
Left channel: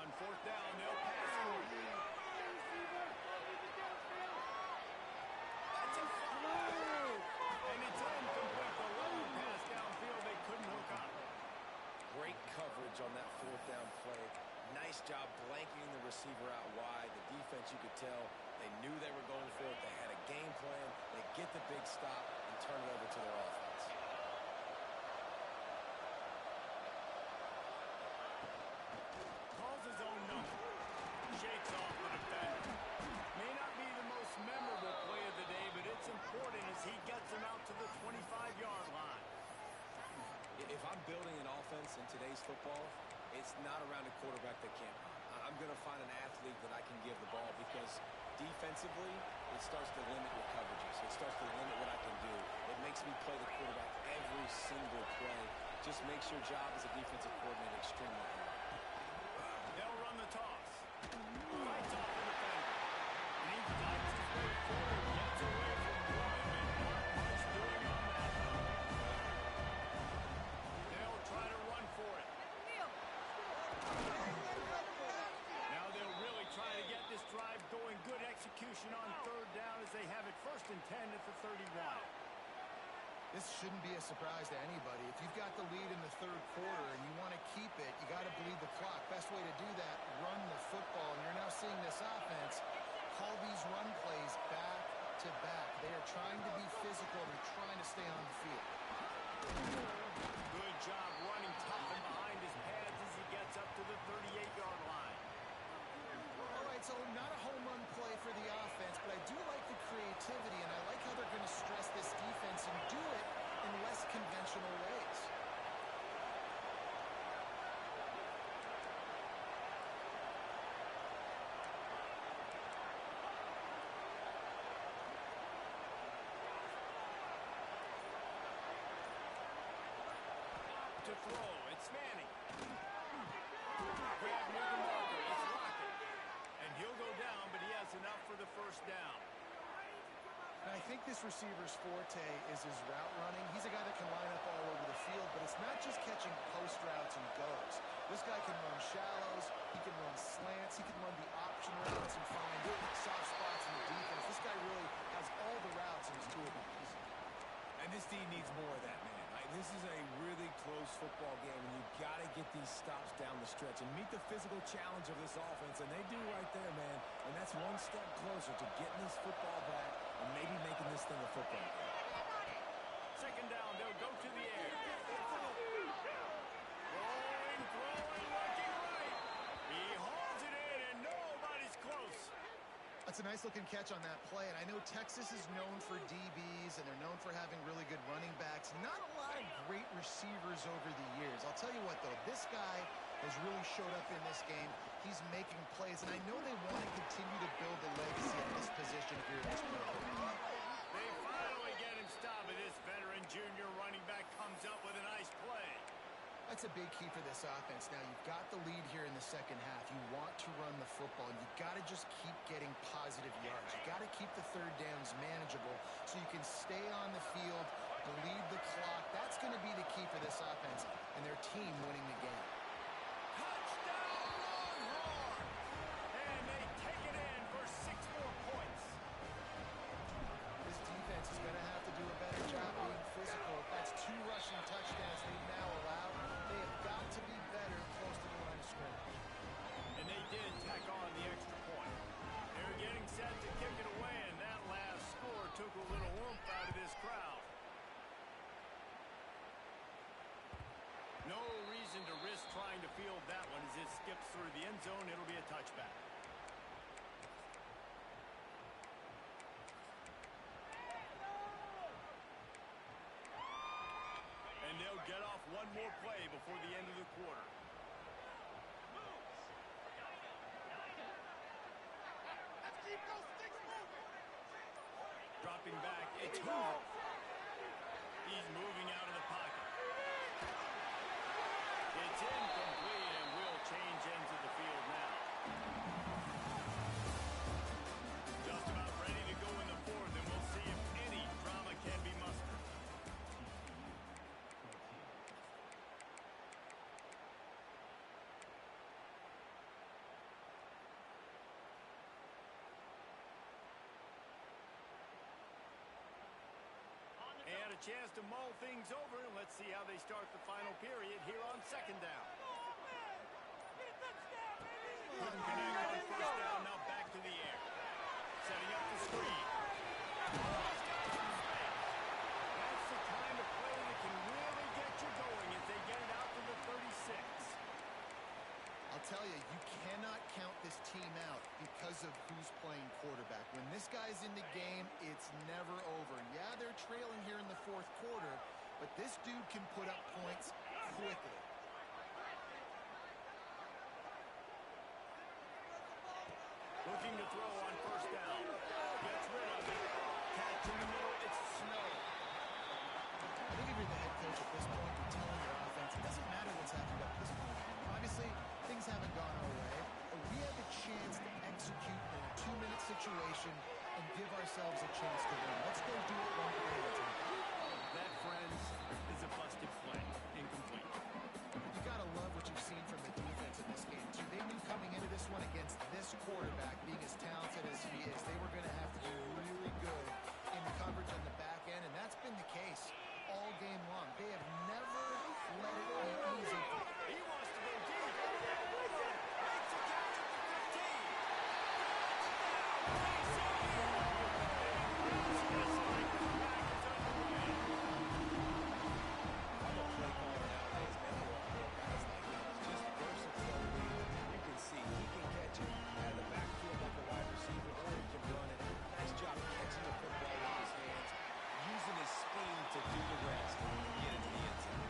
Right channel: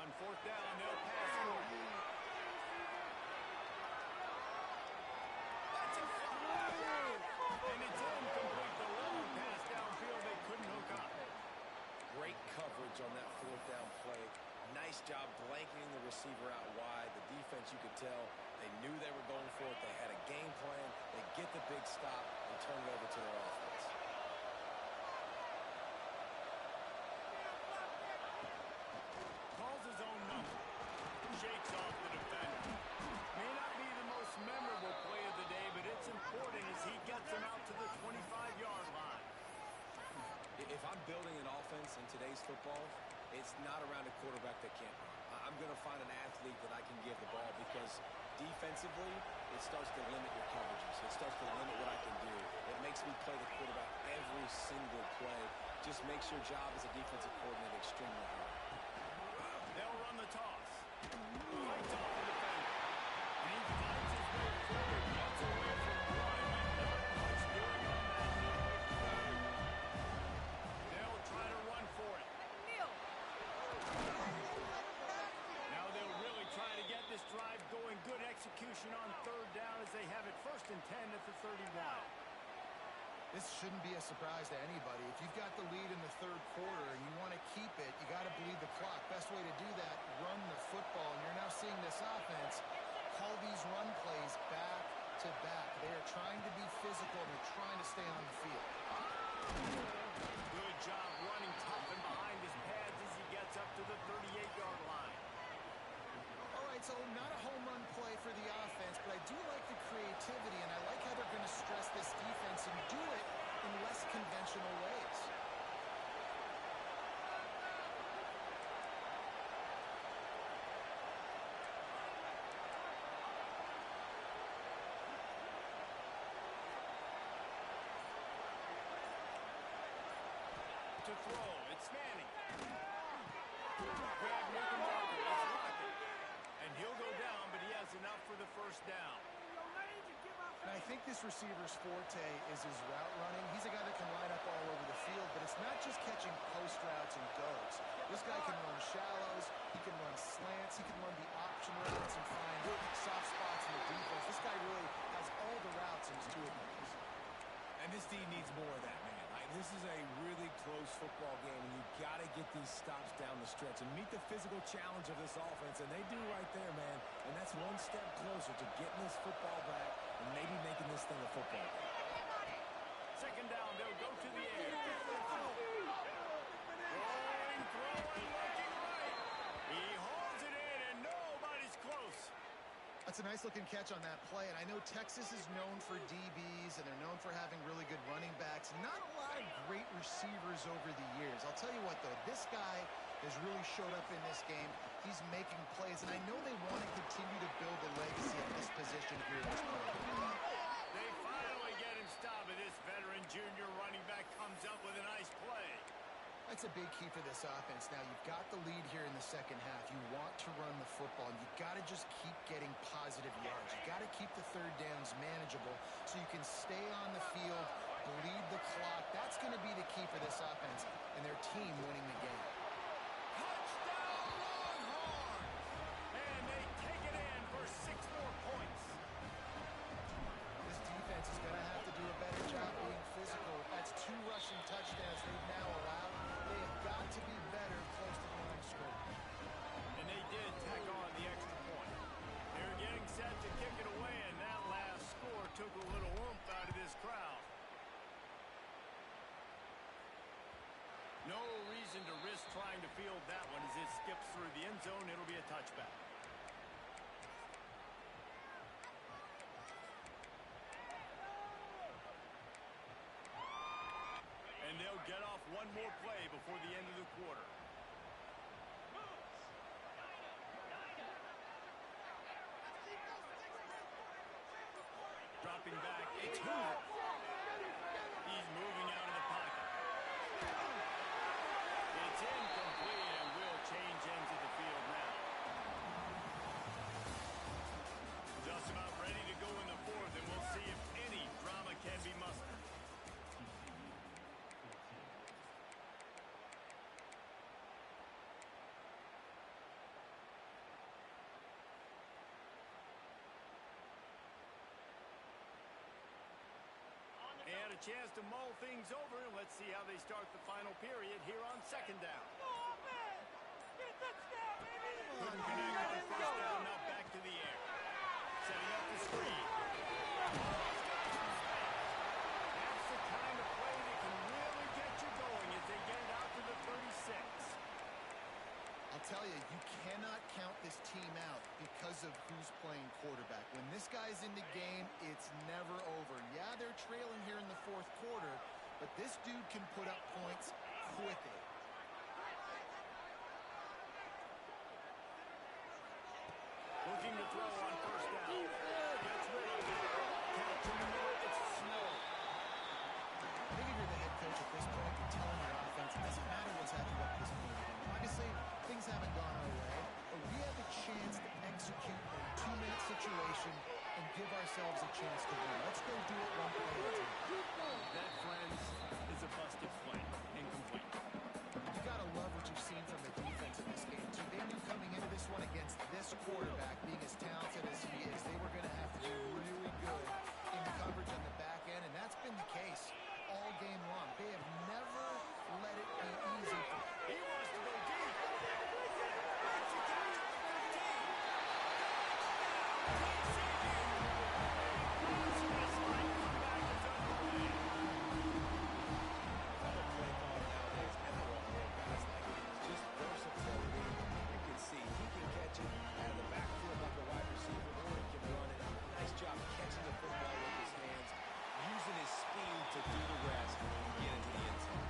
On fourth down, they'll pass for it. That's a foul. And it's incomplete. The long pass downfield they couldn't hook up. Great coverage on that fourth down play. Nice job blanketing the receiver out wide. The defense, you could tell, they knew they were going for it. They had a game plan. They get the big stop and turn it over to their offense. Calls his own number. Shakes off the defender. May not be the most memorable play of the day, but it's important as he gets him out to the 25-yard line. If I'm building an offense in today's football, it's not around a quarterback that can't run. I'm going to find an athlete that I can give the ball because defensively, it starts to limit your coverages. It starts to limit what I can do. It makes me play the quarterback every single play. Just makes your job as a defensive coordinator extremely hard. They'll run the toss. Fights off the defender. And he fights his way forward, gets away from one, and not much doing on that. They'll try to run for it. Now they'll really try to get this drive going. Good execution on third down as they have it 1st and 10 at the 31. This shouldn't be a surprise to anybody. If you've got the lead in the third quarter and you want to keep it, you got to bleed the clock. Best way to do that, run the football. And you're now seeing this offense call these run plays back to back. They are trying to be physical and they're trying to stay on the field. Good job running tough and behind his pads as he gets up to the 38-yard line. All right, so not a home run play for the offense, but I do like the creativity, and I like how they're going to stress this defense and do it in less conventional ways. To throw, it's Manning. Grab near the marker, it's Lockett. And he'll go down, but he has enough for the first down. And I think this receiver's forte is his route running. He's a guy that can line up all over the field, but it's not just catching post routes and goes. This guy can run shallows, he can run slants, he can run the option routes and find soft spots in the defense. This guy really has all the routes in his toolbox. And this team needs more of that, man. This is a really close football game, and you've got to get these stops down the stretch and meet the physical challenge of this offense, and they do right there, man. And that's one step closer to getting this football back and maybe making this thing a football game. 2nd down, they'll go to the air. Throwing, looking right. He hauls it in, and nobody's close. That's a nice-looking catch on that play, and I know Texas is known for DBs, and they're known for having really good running backs. Not a lot of great receivers over the years. I'll tell you what, though, this guy has really showed up in this game. He's making plays, and I know they want to continue to build a legacy at this position here in this program. They finally get him stopped, but this veteran junior running back comes up with a nice play. That's a big key for this offense. Now, you've got the lead here in the second half. You want to run the football, and you've got to just keep getting positive yards. You've got to keep the third downs manageable so you can stay on the field, bleed the clock. That's going to be the key for this offense and their team winning the game. Touchdown, Longhorns! And they take it in for 6 more points. This defense is going to have to do a better job being physical. That's 2 rushing touchdowns they've now allowed. They have got to be better close to the line of scrimmage. And they did tack on the extra point. They're getting set to kick it away, and that last score took a little oomph out of this crowd. No reason to risk trying to field that one as it skips through the end zone. It'll be a touchback. And they'll get off one more play before the end of the quarter. Dropping back, it's Hoover. He's moving out of the pocket. It's incomplete and will change ends of the field now. Just about ready to go in the fourth, and we'll see if any drama can be mustered. And a chance to mull things over. Let's see how they start the final period here on second down. Couldn't connect on first down. Now back to the air. Setting up the screen. Oh, he's got some space. That's the kind of play that can really get you going as they get it out to the 36. I'll tell you, you cannot count this team out because of who's playing quarterback. When this guy's in the game, it's never over. Yeah, they're trailing here in the fourth quarter, but this dude can put up points quickly. Looking to throw on first down. Gets rid of it. Catch in the middle. It's Snow. I think if you're the head coach at this point, you're telling your offense, it doesn't matter what's happened up to this point in the game. Obviously, things haven't gone our way, but we have a chance to execute in a 2-minute situation and give ourselves a chance to win. Let's go do it one play at a time. That, friends, is a busted play. Incomplete. You got to love what you've seen from the defense in this game, too. They knew coming into this one against this quarterback, being as talented as he is, they were going to have to be really good in coverage on the back end, and that's been the case all game long. They have never let it be easy. He wants to go deep. Makes a catch at the 15. Touchdown, TCU. A business-like comeback is underway. I'm a play caller nowadays, and I want more guys like this. Just versatility. You can see he can catch it out of the backfield like a wide receiver, or he can run it. Nice job catching the football with his hands, using his speed to do the rest and get into the end zone.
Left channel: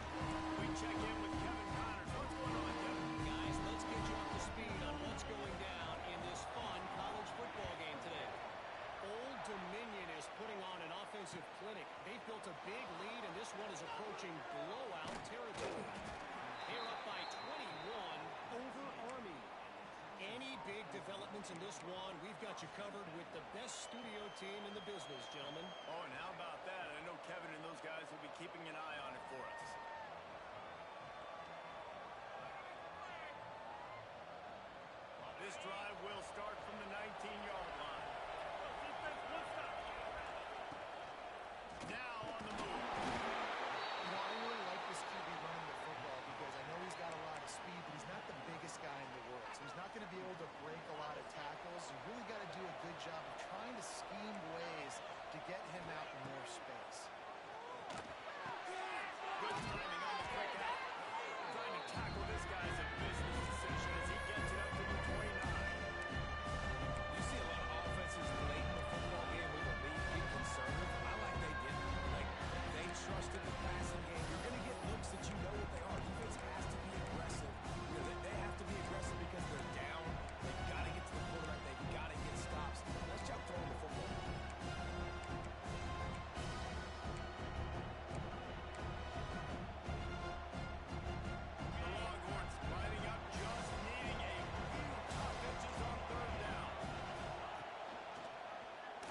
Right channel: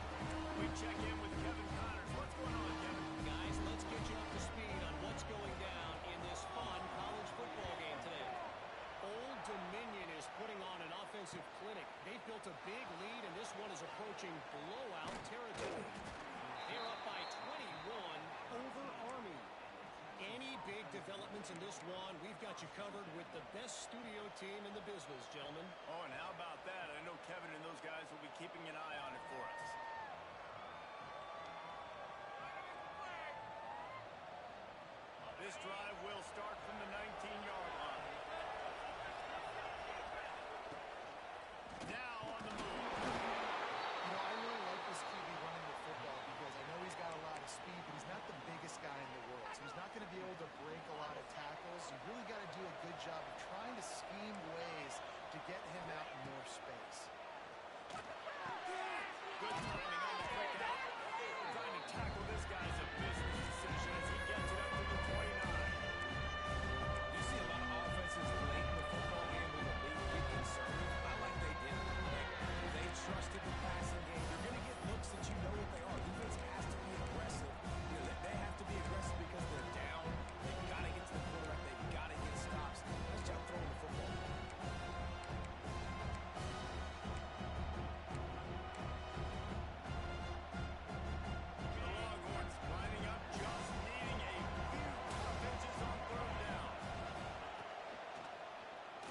We check in with Kevin Connors. What's going on, Kevin? Guys, let's get you up to speed on what's going down in this fun college football game today. Old Dominion is putting on an offensive clinic. They've built a big lead, and this one is approaching blowout territory. They're up by 21 over Army. Any big developments in this one, we've got you covered with the best studio team in the business, gentlemen. Oh, and how about that? I know Kevin and those guys will be keeping an eye on it for us. This drive will start from the 19-yard line. Now on the move. You know, I really like this QB running the football because I know he's got a lot of speed, but he's not the biggest guy in the world. So he's not going to be able to break a lot of tackles. You really got to do a good job of trying to scheme ways to get him out in more space. Good timing on the quick out. Trying to tackle this guy's a business decision as he gets it up to the 29. You see a lot of offenses late in the football game with a lead get conservative. I like they didn't. Like, they trusted the passing game. You're going to get looks that you know what they are. Defense has to be aggressive. You know, they have to be aggressive because they're down. They've got to get to the quarterback. They've got to get stops. Nice job throwing the football. The Longhorns lining up, just needing a few tough pitches on third down.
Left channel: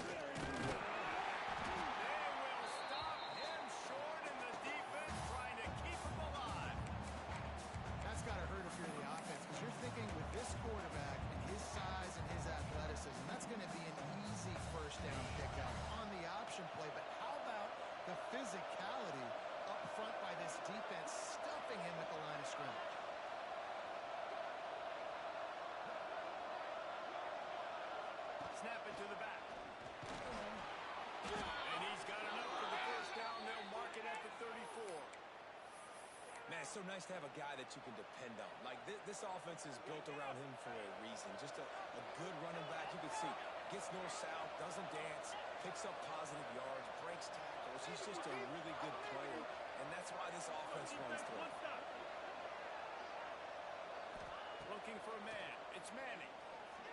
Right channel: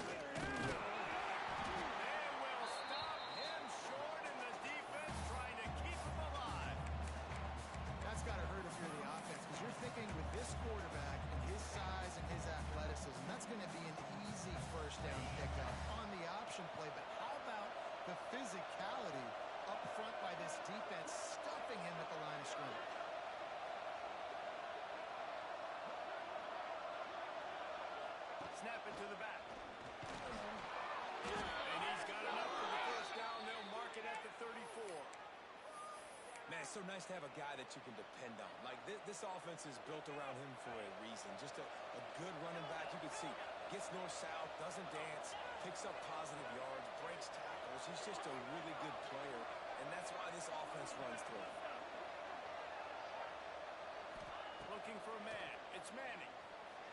They will stop him short, and the defense trying to keep him alive. That's got to hurt if you're the offense because you're thinking with this quarterback and his size and his athleticism, that's going to be an easy first down pickup on the option play. But how about the physicality up front by this defense, stuffing him at the line of scrimmage? Snap it to the back. And he's got enough for the first down. They'll mark it at the 34. Man, so nice to have a guy that you can depend on. Like, this offense is built around him for a reason. Just a good running back. You can see, gets north-south, doesn't dance, picks up positive yards, breaks tackles. He's just a really good player, and that's why this offense runs through him. Looking for a man. It's Manning.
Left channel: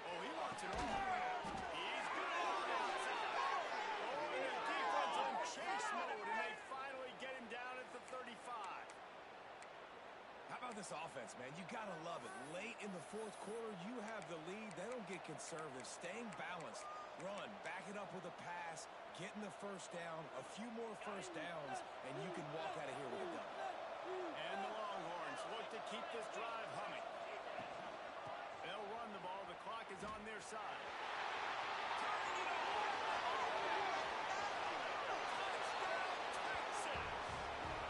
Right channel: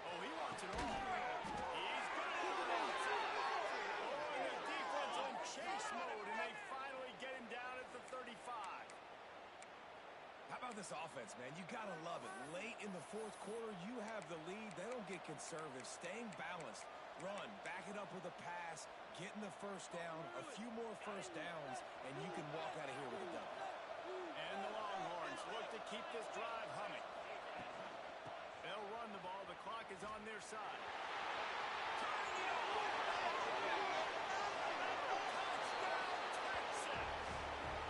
Oh, he wants it all. He's good on the outside. Oh, and the defense on chase mode, and they finally get him down at the 35. How about this offense, man? You got to love it. Late in the fourth quarter, you have the lead. They don't get conservative. Staying balanced. Run. Back it up with a pass. Getting the first down. A few more first downs, and you can walk out of here with a W. And the Longhorns look to keep this drive humming. They'll run the ball. The clock is on their side. Turning it on. Touchdown, Texas.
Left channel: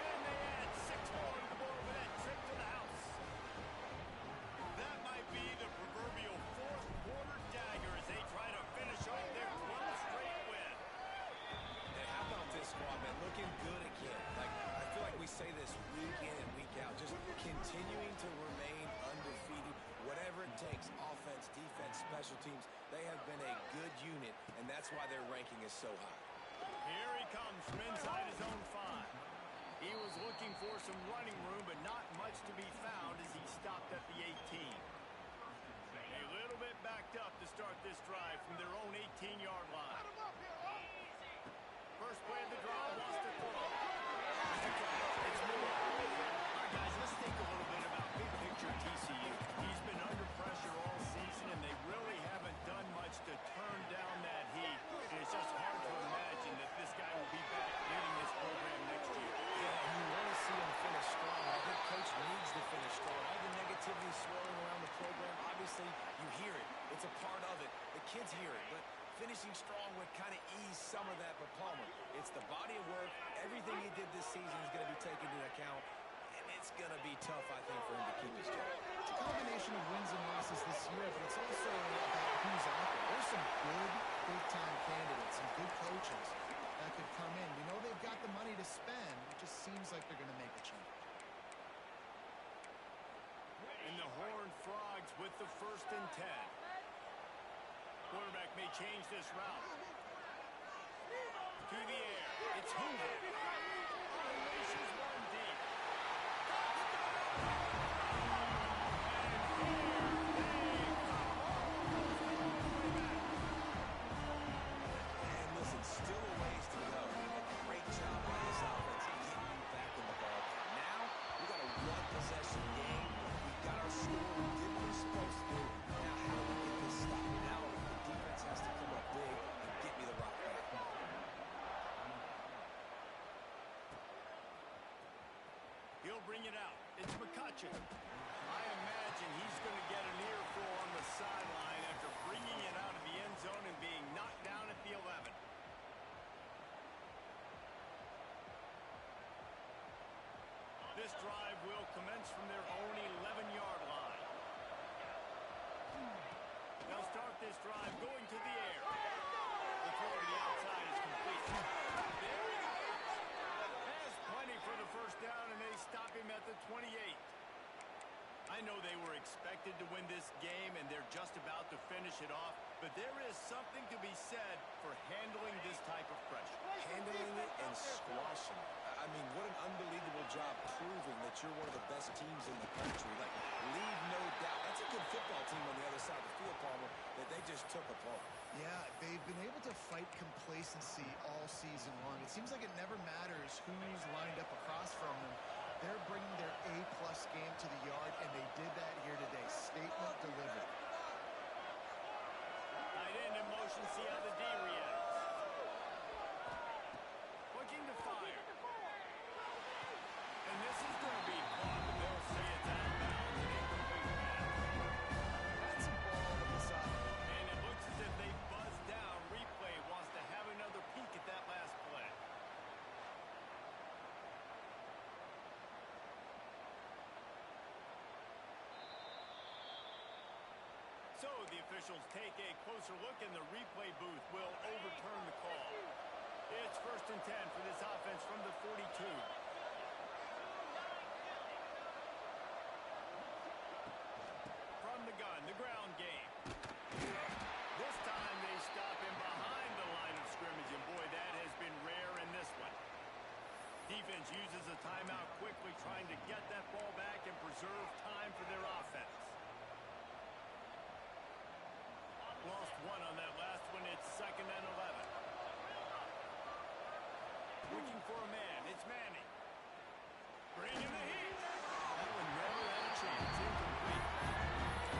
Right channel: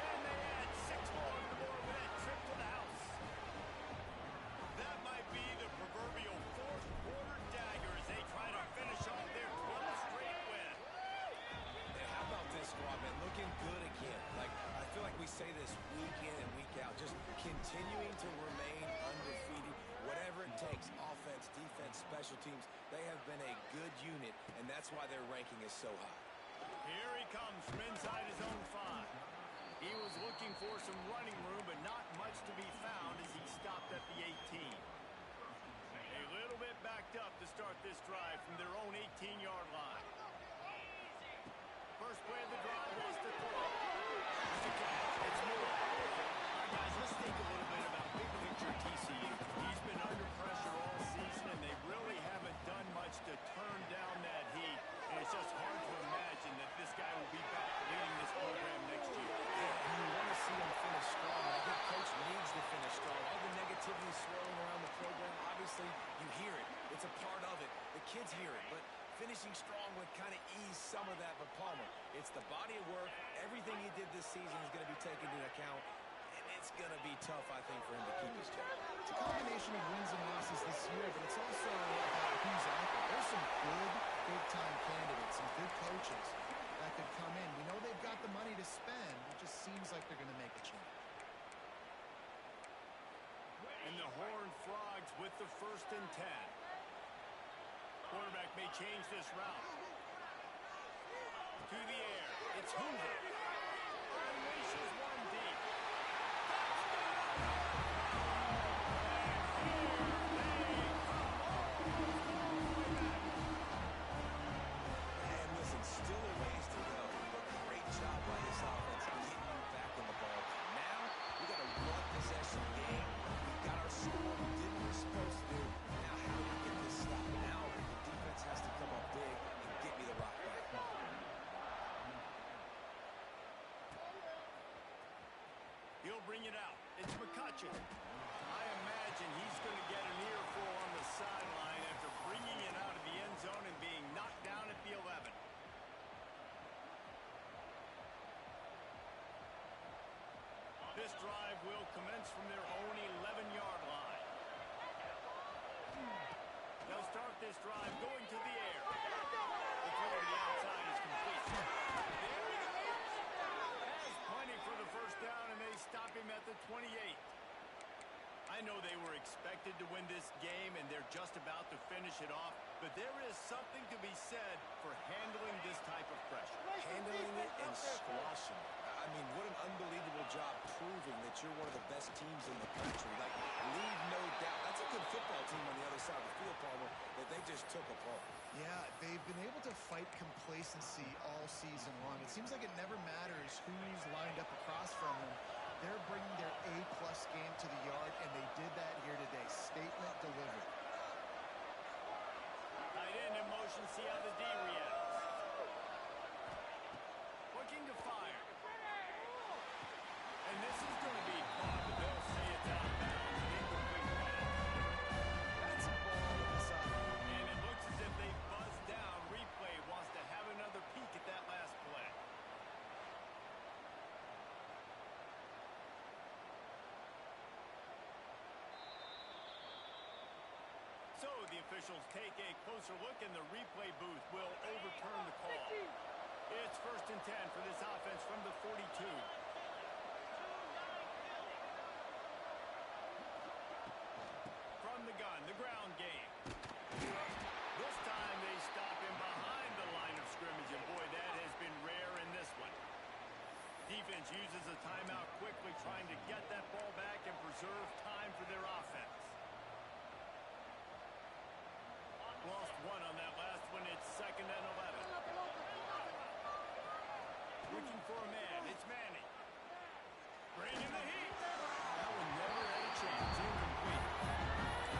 And they add 6 more to the board with that trip to the house. That might be the proverbial fourth quarter dagger as they try to finish off their 12th straight win. And how about this squad, man? Looking good again. Like, I feel like we say this week in and week out. Just continuing to remain undefeated. Whatever it takes, offense, defense, special teams, they have been a good unit, and that's why their ranking is so high. Here he comes from inside his own 5. He was looking for some running room, but not much to be found as he stopped at the 18. A little bit backed up to start this drive from their own 18-yard line. First play of the drive was to throw. It's a catch. It's Moore. All right, guys, let's think a little bit about big picture TCU. He's been under pressure all season, and they really haven't done much to turn down that heat. And it's just hard to imagine that this guy will be back leading this program next year. Yeah, and you want to see him finish strong. I think Coach needs to finish strong. All the negativity swirling around the program, obviously, you hear it. It's a part of it. The kids hear it, but finishing strong would kind of ease some of that. But Palmer, it's the body of work. Everything he did this season is going to be taken into account. And it's going to be tough, I think, for him to keep his job. It's a combination of wins and losses this year, but it's also about who's out there. There's some good big-time candidates, some good coaches that could come in. We know they've got the money to spend. It just seems like they're going to make a change. And the Horned Frogs with the 1st and 10. Quarterback may change this route. To the air. It's Hoover. Unleashes one deep. Touchdown! And here they come. Almost all the way back. And listen, still a ways to go. But great job by this offense getting you back in the ball. Now, we got a one-possession game. We got our score. We did what we're supposed to do. Now, how do we get this stopped? Now, the defense has to come up big and get me the rock back. He'll bring it out. It's McCutcheon. I imagine he's going to get an earful on the sideline after bringing it out of the end zone and being knocked down at the 11. This drive will commence from their own 11-yard line. They'll start this drive going to the air. The throw to the outside is complete. There he goes. Has plenty for the first down, and they stop him at the 28. I know they were expected to win this game, and they're just about to finish it off, but there is something to be said for handling this type of pressure. Handling it and squashing it. I mean, what an unbelievable job proving that you're one of the best teams in the country. Like, leave no doubt. That's a good football team on the other side of the field, Palmer, that they just took apart. Yeah, they've been able to fight complacency all season long. It seems like it never matters who's lined up across from them. They're bringing their A-plus game to the yard, and they did that here today. Statement delivered. Tight end in motion, see how the D reacts. Looking to fire. And this is going to be caught, but they'll say it's out of bounds. An incomplete pass. That's a ball to the side. And it looks as if they buzzed down. Replay wants to have another peek at that last play. So the officials take a closer look, and the replay booth will overturn the call. It's 1st and 10 for this offense from the 42. from the gun, the ground game. This time they stop him behind the line of scrimmage, and boy, that has been rare in this one. Defense uses a timeout quickly, trying to get that ball back and preserve time for their offense. Lost one on that last one. It's 2nd and 11. Looking for a man. It's Manning. Bringing the heat. That one never had a chance. Incomplete.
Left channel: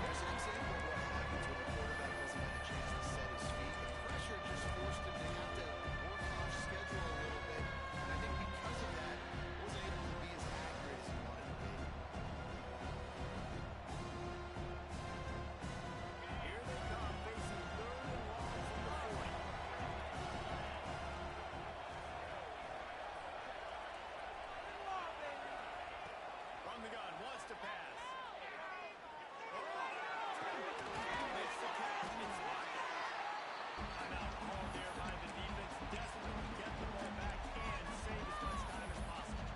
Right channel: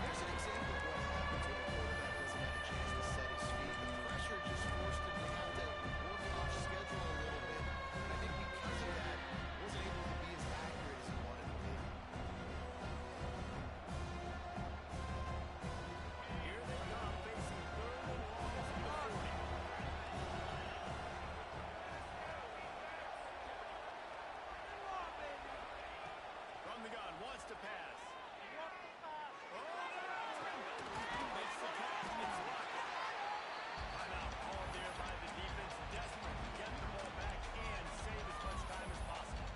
There's an example of what happens when a quarterback doesn't have a chance to set his feet. The pressure just forced him to have to work off schedule a little bit. And I think because of that, wasn't able to be as accurate as he wanted to be. Here they come, facing 3rd and long from the 40. From the gun, wants to pass. Makes the catch. It's Lockett. Timeout called there by the defense, desperate to get the ball back and save as much time as possible.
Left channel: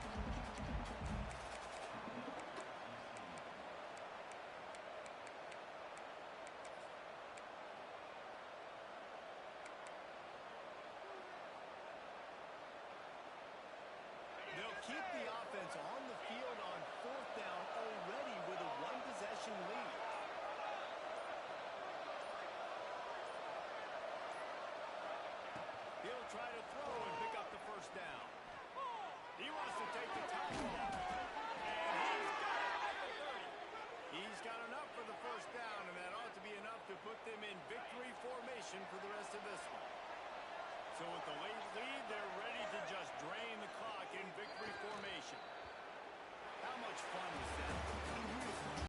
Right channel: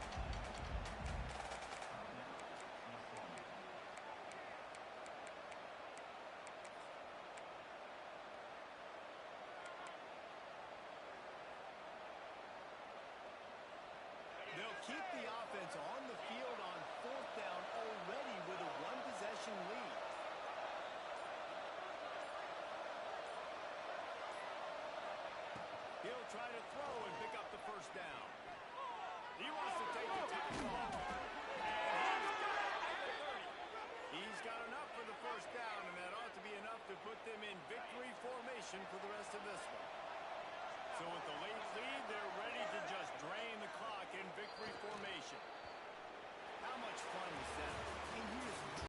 They'll keep the offense on the field on 4th down already with a 1-possession lead. He'll try to throw and pick up the 1st down. He wants to take the top off. And he's got it at the 30. He's got enough for the 1st down, and that ought to be enough to put them in victory formation for the rest of this one. So with the late lead, they're ready to just drain the